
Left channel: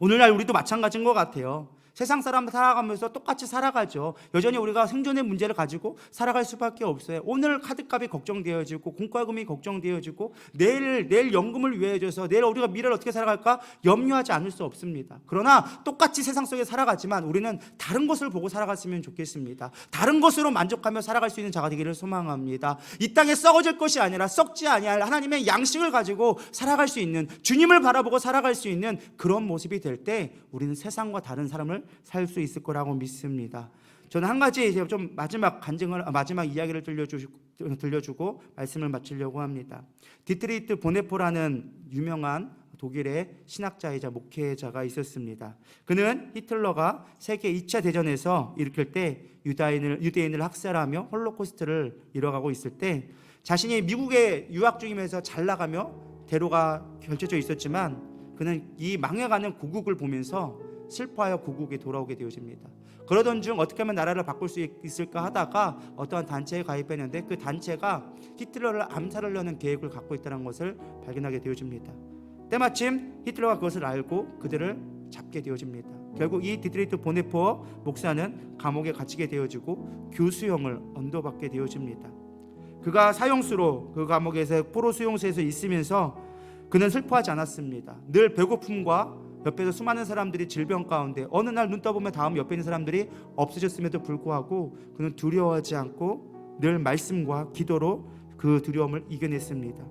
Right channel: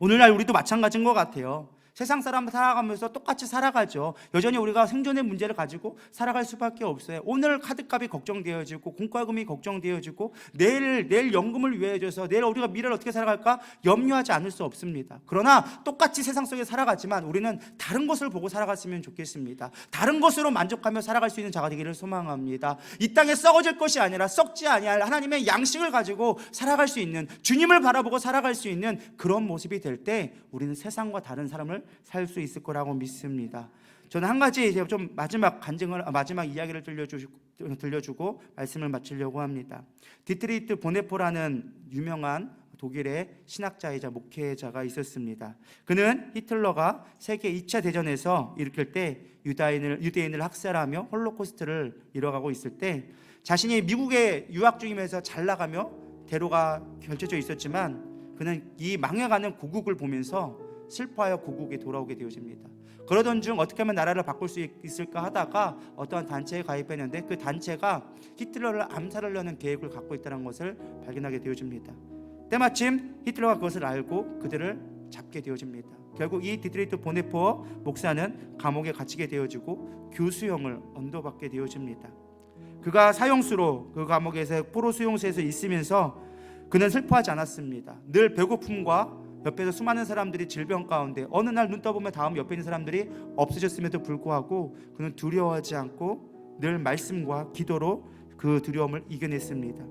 오늘날 우리도 마찬가지인 것 같아요. 세상 사람 살아가면서 똑같이 살아가죠. 여전히 우리가 생존의 문제를 가지고 살아갈 수밖에 없어요. 오늘 카드값이 걱정되어지고 공과금이 걱정되어지고 내일 연금을 위해줘서 내일 우리가 미래를 어떻게 살아갈까 염려하지 않을 수 없습니다. 그러나 똑같이 세상 속에 살아가지만 우리는 다른 것을 보고 살아갔으면 좋겠습니다. 다른 것으로 만족하며 살아갈 수 있는 자가 되기를 소망합니다. 이 땅에 썩어질 것이 아니라 썩지 아니할 하나님의 양식을 가지고 살아갈 수 있는, 주님을 바라보고 살아갈 수 있는 그런 모습이 될 때 우리는 세상과 다른 삶을 살 수 있을 거라고 믿습니다. 저는 한 가지 좀 마지막 이야기를 들려주고 말씀을 마치려고 합니다. 디트리히트 보네포라는 유명한 독일의 신학자이자 목회자가 있었습니다. 그는 히틀러가 세계 2차 대전에서 일으킬 때 유대인을 학살하며 홀로코스트를 이뤄가고 있을 때 자신이 미국에 유학 중이면서 잘 나가며 대로가 결정져 있었지만 그는 이 망해가는 고국을 보면서 슬퍼하여 고국에 돌아오게 되어집니다. 그러던 중 어떻게 하면 나라를 바꿀 수 있을까 하다가 어떠한 단체에 가입했는데 그 단체가 히틀러를 암살하려는 계획을 갖고 있다는 것을 발견하게 되어집니다. 때마침 히틀러가 그것을 알고 그들을 잡게 되어집니다. 결국 이 디트리히트 보네포어 목사는 감옥에 갇히게 되어지고 교수형을 언도받게 되어집니다. 그가 사형수로 그 감옥에서 포로 수용소에서 있으면서 그는 슬퍼하지 않았습니다. 늘 배고픔과 옆에서 수많은 사람들이 질병 가운데 어느 날 눈 떠보면 다음 옆에 있는 사람들이 없어졌음에도 불구하고 그는 두려워하지 않고 늘 말씀과 기도로 그 두려움을 이겨냈습니다.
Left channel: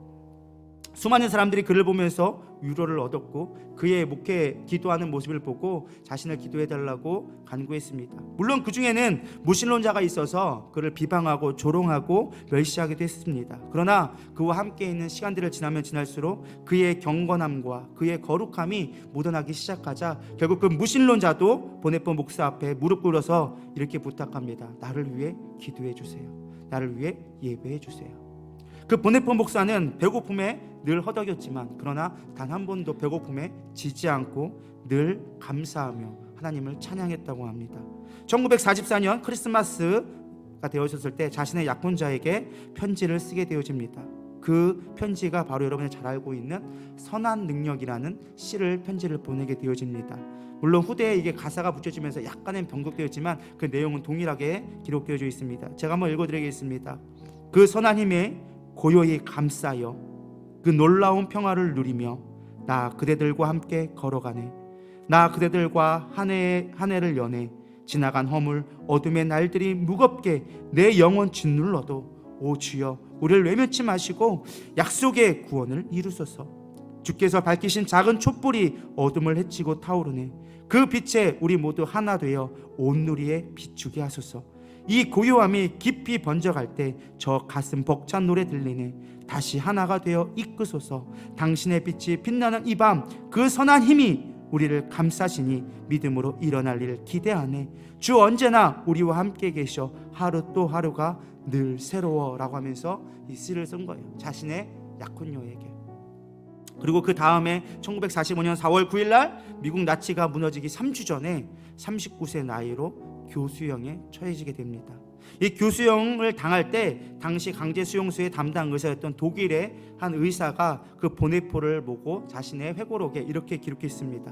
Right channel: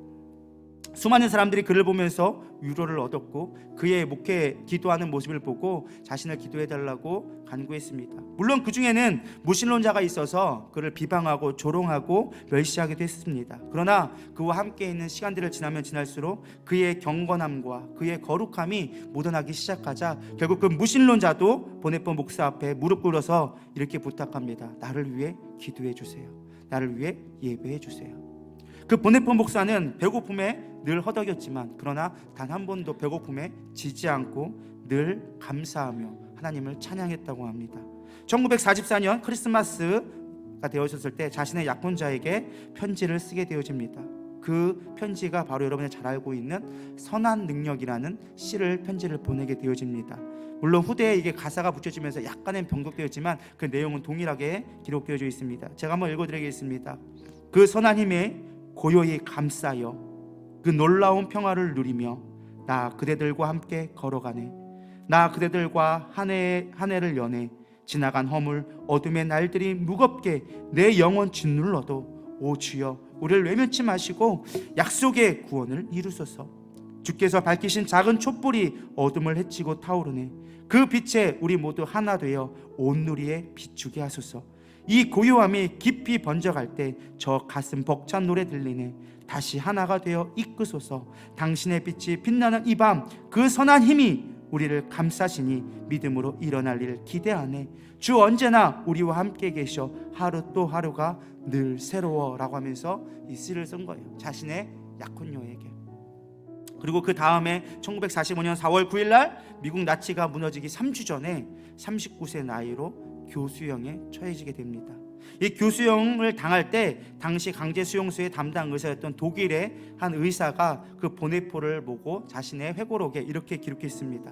수많은 사람들이 그를 보면서 위로를 얻었고 그의 목회 기도하는 모습을 보고 자신을 기도해달라고 간구했습니다. 물론 그 중에는 무신론자가 있어서 그를 비방하고 조롱하고 멸시하기도 했습니다. 그러나 그와 함께 있는 시간들을 지나면 지날수록 그의 경건함과 그의 거룩함이 묻어나기 시작하자 결국 그 무신론자도 보네포 목사 앞에 무릎 꿇어서 이렇게 부탁합니다. 나를 위해 기도해 주세요. 나를 위해 예배해 주세요. 그 보네포 목사는 배고픔에 늘 허덕였지만 그러나 단 한 번도 배고픔에 지지 않고 늘 감사하며 하나님을 찬양했다고 합니다. 1944년 크리스마스가 되어졌을 때 자신의 약혼자에게 편지를 쓰게 되어집니다. 그 편지가 바로 여러분이 잘 알고 있는 선한 능력이라는 시를 편지를 보내게 되어집니다. 물론 후대에 이게 가사가 붙여지면서 약간은 변곡되었지만 그 내용은 동일하게 기록되어져 있습니다. 제가 한번 읽어드리겠습니다. 그 선한 힘에 고요히 감싸여 그 놀라운 평화를 누리며 나 그대들과 함께 걸어가네. 나 그대들과 한 해를 여네. 지나간 허물 어둠의 날들이 무겁게 내 영혼 짓눌러도 오 주여 우리를 외면치 마시고 약속의 구원을 이루소서. 주께서 밝히신 작은 촛불이 어둠을 헤치고 타오르네. 그 빛에 우리 모두 하나 되어 온 누리에 비추게 하소서. 이 고요함이 깊이 번져갈 때 저 가슴 벅찬 노래 들리네. 다시 하나가 되어 이끄소서. 당신의 빛이 빛나는 이 밤 그 선한 힘이 우리를 감싸시니 믿음으로 일어날 일을 기대하네. 주 언제나 우리와 함께 계셔 하루 또 하루가 늘 새로워라고 하면서 이 시를 쓴 거예요. 자신의 약혼녀에게. 그리고 그 다음에 1945년 4월 9일 날 미국 나치가 무너지기 3주 전에 39세 나이로 교수형에 처해지게 됩니다. 이 교수형을 당할 때 당시 강제 수용소의 담당 의사였던 독일의 한 의사가 그 보네포를 보고 자신의 회고록에 이렇게 기록했습니다.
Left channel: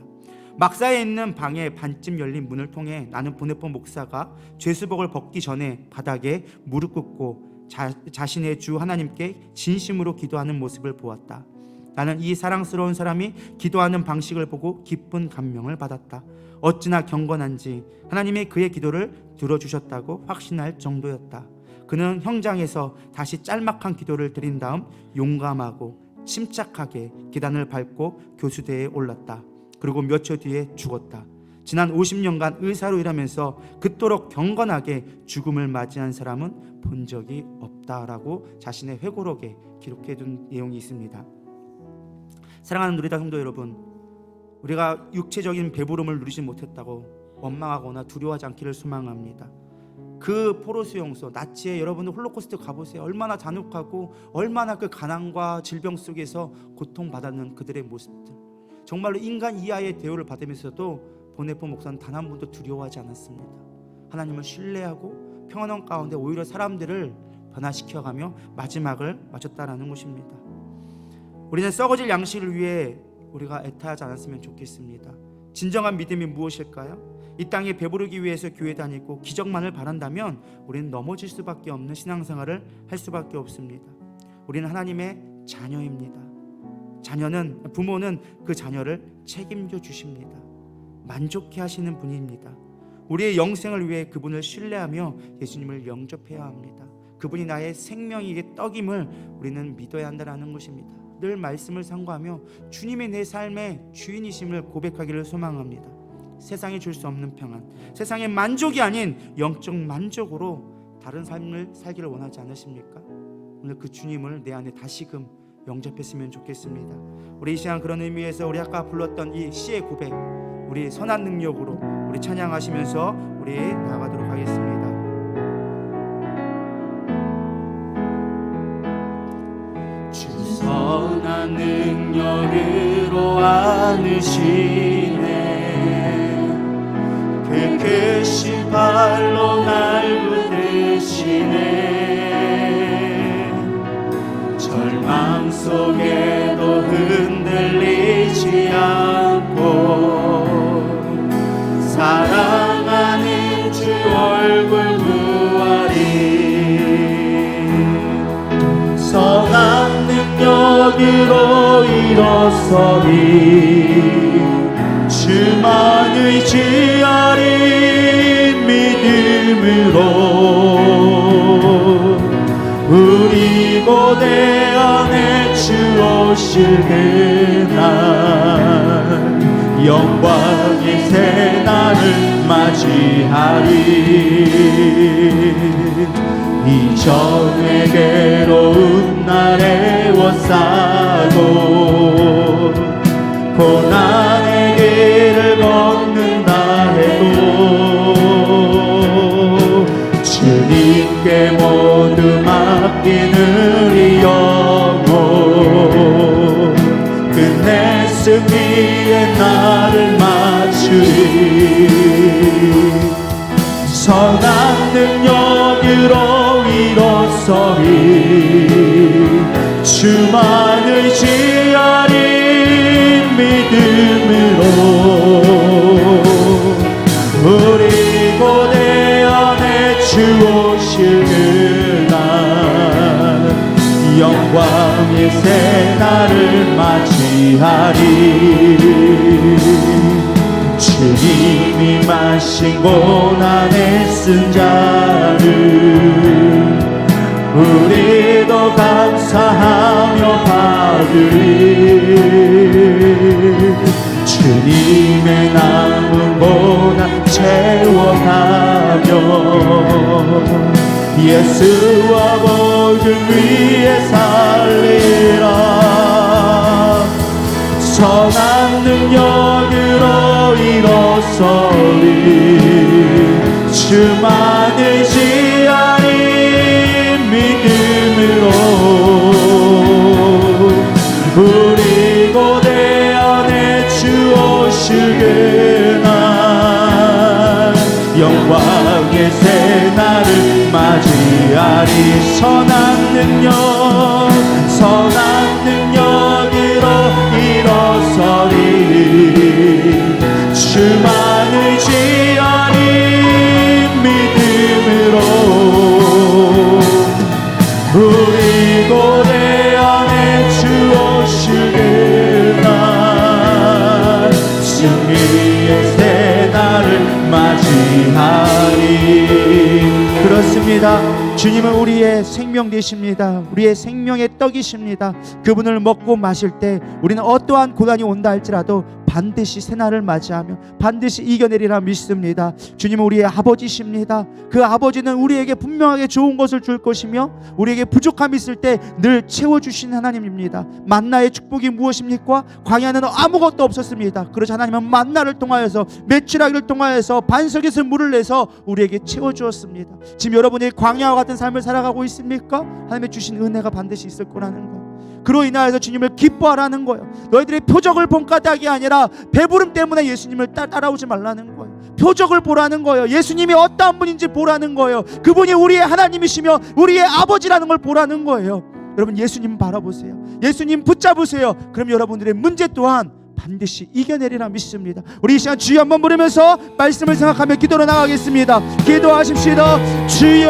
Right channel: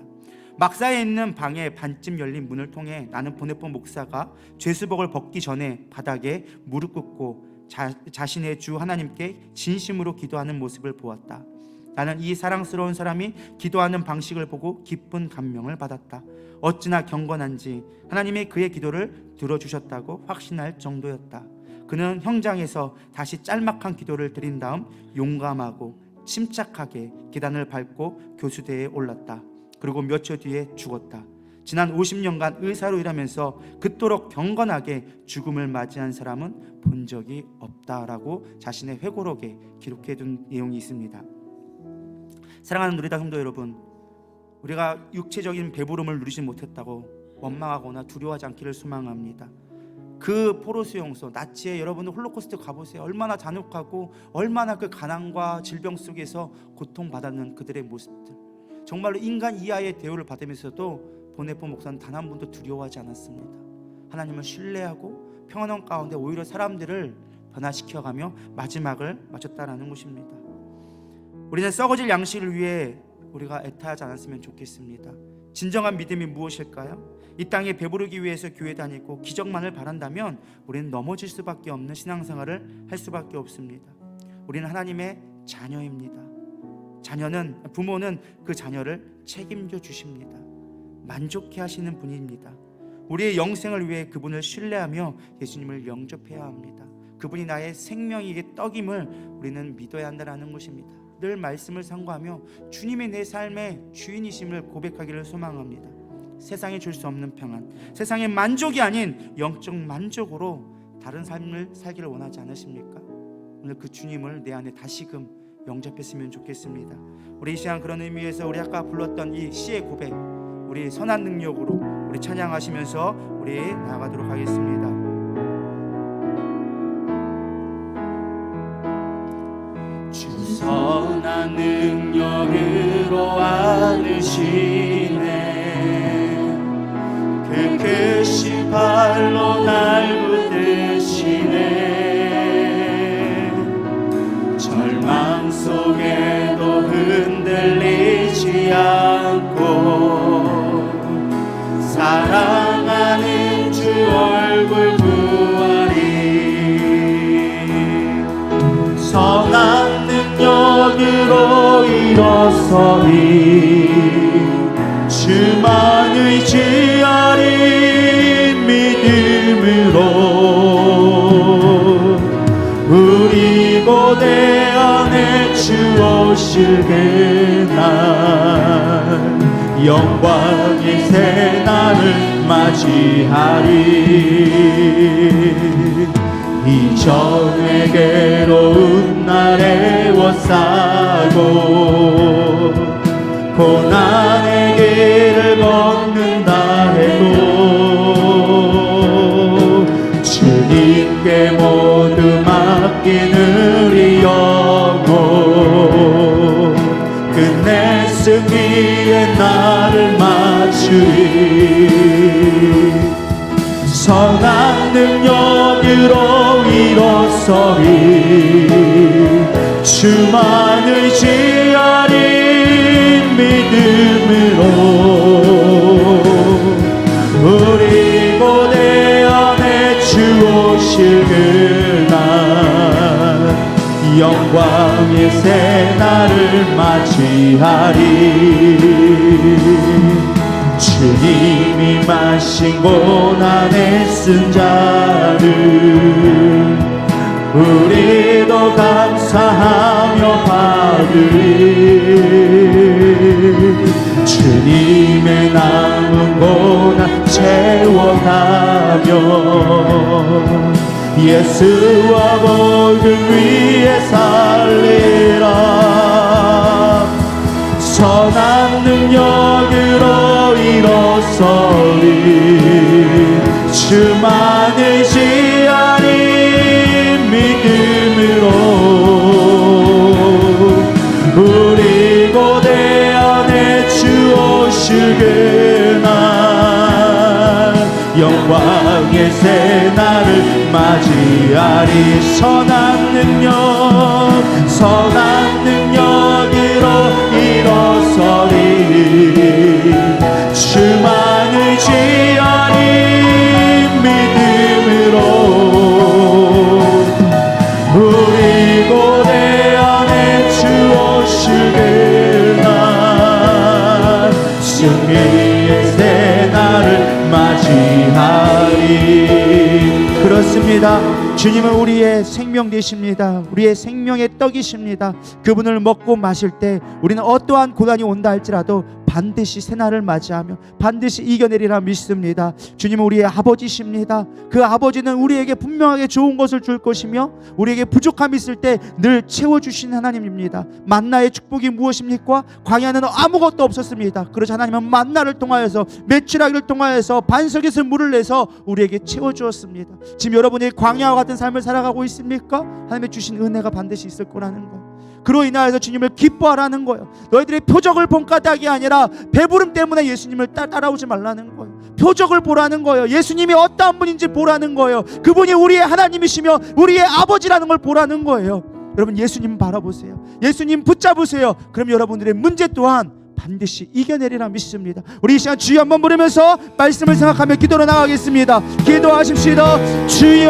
막사에 있는 방에 반쯤 열린 문을 통해 나는 보네포 목사가 죄수복을 벗기 전에 바닥에 무릎 꿇고 자신의 주 하나님께 진심으로 기도하는 모습을 보았다. 나는 이 사랑스러운 사람이 기도하는 방식을 보고 깊은 감명을 받았다. 어찌나 경건한지 하나님이 그의 기도를 들어주셨다고 확신할 정도였다. 그는 형장에서 다시 짤막한 기도를 드린 다음 용감하고 침착하게 계단을 밟고 교수대에 올랐다. 그리고 몇 초 뒤에 죽었다. 지난 50년간 의사로 일하면서 그토록 경건하게 죽음을 맞이한 사람은 본 적이 없다라고 자신의 회고록에 기록해둔 내용이 있습니다. 사랑하는 누리다 성도 여러분, 우리가 육체적인 배부름을 누리지 못했다고 원망하거나 두려워하지 않기를 소망합니다. 그 포로 수용소 나치에 여러분들 홀로코스트 가보세요. 얼마나 잔혹하고 얼마나 그 가난과 질병 속에서 고통받았는 그들의 모습들, 정말로 인간 이하의 대우를 받으면서도 보네포 목사는 단 한 번도 두려워하지 않았습니다. 하나님을 신뢰하고 평안한 가운데 오히려 사람들을 변화시켜가며 마지막을 맞췄다라는 것입니다. 우리는 썩어질 양식을 위해 우리가 애타하지 않았으면 좋겠습니다. 진정한 믿음이 무엇일까요? 이 땅에 배부르기 위해서 교회 다니고 기적만을 바란다면 우리는 넘어질 수밖에 없는 신앙생활을 할 수밖에 없습니다. 우리는 하나님의 자녀입니다. 부모는 그 자녀를 책임져 주십니다. 만족해 하시는 분입니다. 우리의 영생을 위해 그분을 신뢰하며 예수님을 영접해야 합니다. 그분이 나의 생명이기 떡임을 우리는 믿어야 한다는 것입니다. 늘 말씀을 상고하며 주님의 내 삶의 주인이심을 고백하기를 소망합니다. 세상이 줄 수 없는 평안, 세상의 만족이 아닌 영적 만족으로 다른 삶을 살기를 원하지 않으십니까? 오늘 그 주님을 내 안에 다시금 영접했으면 좋겠습니다. 우리 이 시간 그런 의미에서 우리 아까 불렀던 이 시의 고백, 우리 선한 능력으로 우리 찬양하시면서 우리 나아가도록 하겠습니다. 일어서리 주만 의지하리 믿음으로 우리 고대 안에 주 오실 그날 영광의 새날을 맞이하리 이전의 괴로운 날에 워싸고 고난의 길을 걷는다 해도 주님께 모두 맡긴 우리 영혼 끝내 승리의 날을 맞추리 선한 능력으로 일어서리 주만 의지하리 믿음으로 우리 고대 안에 주 오실 그날 영광의 새날을 맞이하리 주님이 마신 고난의 쓴 자를 우리도 감사하며 받으리 주님의 남은 고난 채워가며 예수와 복음 위에 살리라 선한 능력으로 일어서리 주만 의지하리 믿음으로 우리 고대 안에 주 오실 그날 영광의 새날을 맞이하리 선한 능력으로 일어서리 주만 의지하리 믿음으로 우리 고대 안에 주 오실 그날 승리의 새날을 맞이하리 그렇습니다. 주님은 우리의 생명 되십니다. 우리의 생명의 떡이십니다. 그분을 먹고 마실 때 우리는 어떠한 고난이 온다 할지라도 반드시 새날을 맞이하며 반드시 이겨내리라 믿습니다. 주님은 우리의 아버지십니다. 그 아버지는 우리에게 분명하게 좋은 것을 줄 것이며 우리에게 부족함이 있을 때 늘 채워주신 하나님입니다. 만나의 축복이 무엇입니까? 광야는 아무것도 없었습니다. 그래서 하나님은 만나를 통하여서 메추라기를 통하여서 반석에서 물을 내서 우리에게 채워주었습니다. 지금 여러분이 광야와 같은 삶을 살아가고 있습니까? 하나님의 주신 은혜가 반드시 있을 거라는 거예요. 그로 인하여서 주님을 기뻐하라는 거예요. 너희들의 표적을 본 까닭이 아니라 배부름 때문에 예수님을 따라오지 말라는 거예요. 표적을 보라는 거예요. 예수님이 어떠한 분인지 보라는 거예요. 그분이 우리의 하나님이시며 우리의 아버지라는 걸 보라는 거예요. 여러분 예수님 바라보세요. 예수님 붙잡으세요. 그럼 여러분들의 문제 또한 반드시 이겨내리라 믿습니다. 우리 이 시간 주여 한번 부르면서 말씀을 생각하며 기도로 나가겠습니다. 기도하십시다. 주여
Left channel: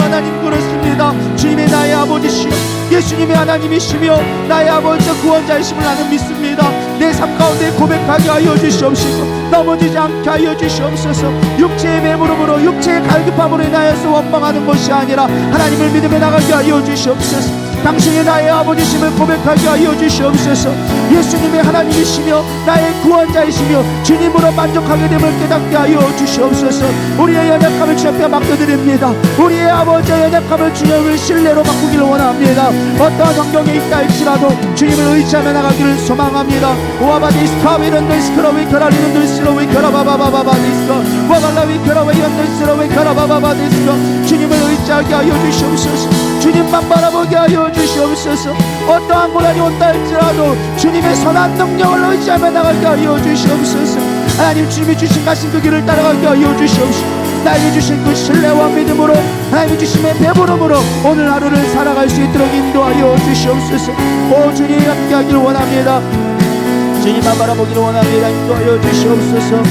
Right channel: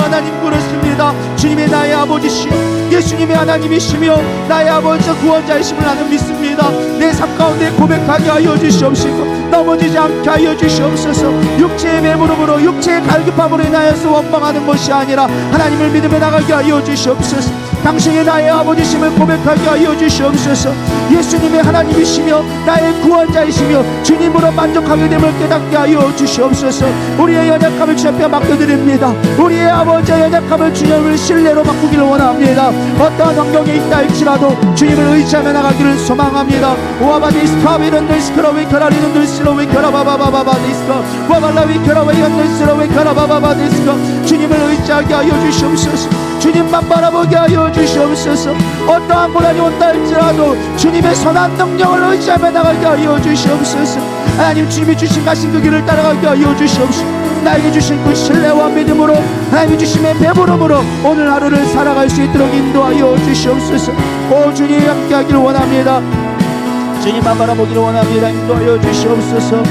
하나님 그렇습니다. 주님이 나의 아버지시여 예수님의 하나님이시며 나의 아버지와 구원자이심을 나는 믿습니다. 내 삶 가운데 고백하게 하여 주시옵시고 넘어지지 않게 하여 주시옵소서. 육체의 매물음으로 육체의 갈급함으로 인하여서 원망하는 것이 아니라 하나님을 믿으며 나가게 하여 주시옵소서. 당신이 나의 아버지심을 고백하게 하여 주시옵소서. 예수님의 하나님이시며 나의 구원자이시며 주님으로 만족하게 됨을 깨닫게 하여 주시옵소서. 우리의 연약함을 주 앞에 맡겨드립니다. 우리의 아버지의 연약함을 주님을 신뢰로 바꾸기를 원합니다. 어떠한 환경에 있다 할지라도 주님을 의지하며 나가기를 소망합니다. 오아바디스카 위런들스크로 위켜라 리런들스로 위켜라 바바바바바디스카 와발라 위켜라 위런들스로 위켜라 바바바디스카 주님을 의지하게 하여 주시옵소서. 주님만 바라보게 하여 주시옵소서. 어떠한 고난이 온다 할지라도 주님의 선한 능력을 의지하며 나가게 하여 주시옵소서. 하나님 주님이 주신 가신 그 길을 따라가게 하여 주시옵소서. 나에게 주신 그 신뢰와 믿음으로 하나님이 주심의 배부름으로 오늘 하루를 살아갈 수 있도록 인도하여 주시옵소서. 오 주님 함께하기를 원합니다. 주님만 바라보기를 원합니다. 인도하여 주시옵소서.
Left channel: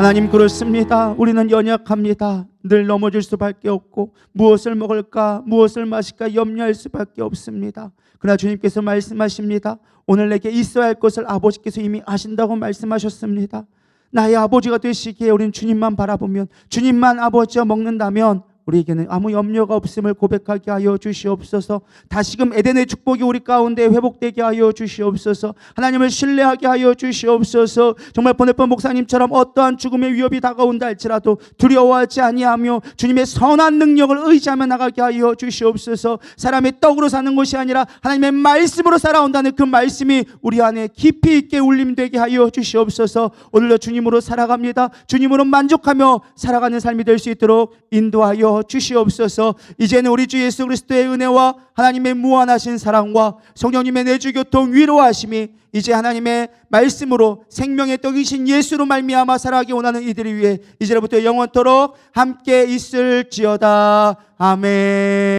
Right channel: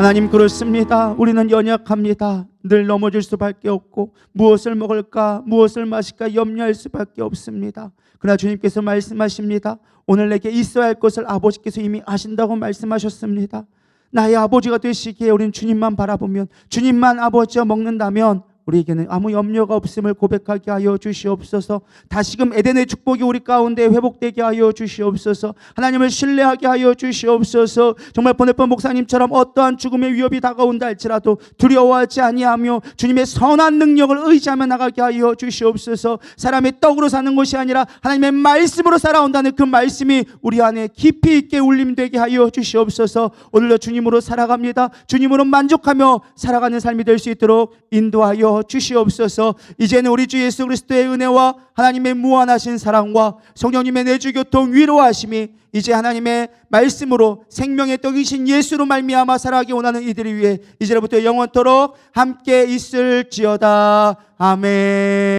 하나님, 그렇습니다. 우리는 연약합니다. 늘 넘어질 수밖에 없고 무엇을 먹을까 무엇을 마실까 염려할 수밖에 없습니다. 그러나 주님께서 말씀하십니다. 오늘 내게 있어야 할 것을 아버지께서 이미 아신다고 말씀하셨습니다. 나의 아버지가 되시기에 우리는 주님만 바라보면, 주님만 아버지와 먹는다면 우리에게는 아무 염려가 없음을 고백하게 하여 주시옵소서. 다시금 에덴의 축복이 우리 가운데 회복되게 하여 주시옵소서. 하나님을 신뢰하게 하여 주시옵소서. 정말 보넬번 목사님처럼 어떠한 죽음의 위협이 다가온다 할지라도 두려워하지 아니하며 주님의 선한 능력을 의지하며 나가게 하여 주시옵소서. 사람의 떡으로 사는 것이 아니라 하나님의 말씀으로 살아온다는 그 말씀이 우리 안에 깊이 있게 울림되게 하여 주시옵소서. 오늘도 주님으로 살아갑니다. 주님으로 만족하며 살아가는 삶이 될 수 있도록 인도하여 주시옵소서. 이제는 우리 주 예수 그리스도의 은혜와 하나님의 무한하신 사랑과 성령님의 내주교통 위로하심이 이제 하나님의 말씀으로 생명의 떡이신 예수로 말미암아 살아가기 원하는 이들을 위해 이제부터 영원토록 함께 있을지어다. 아멘.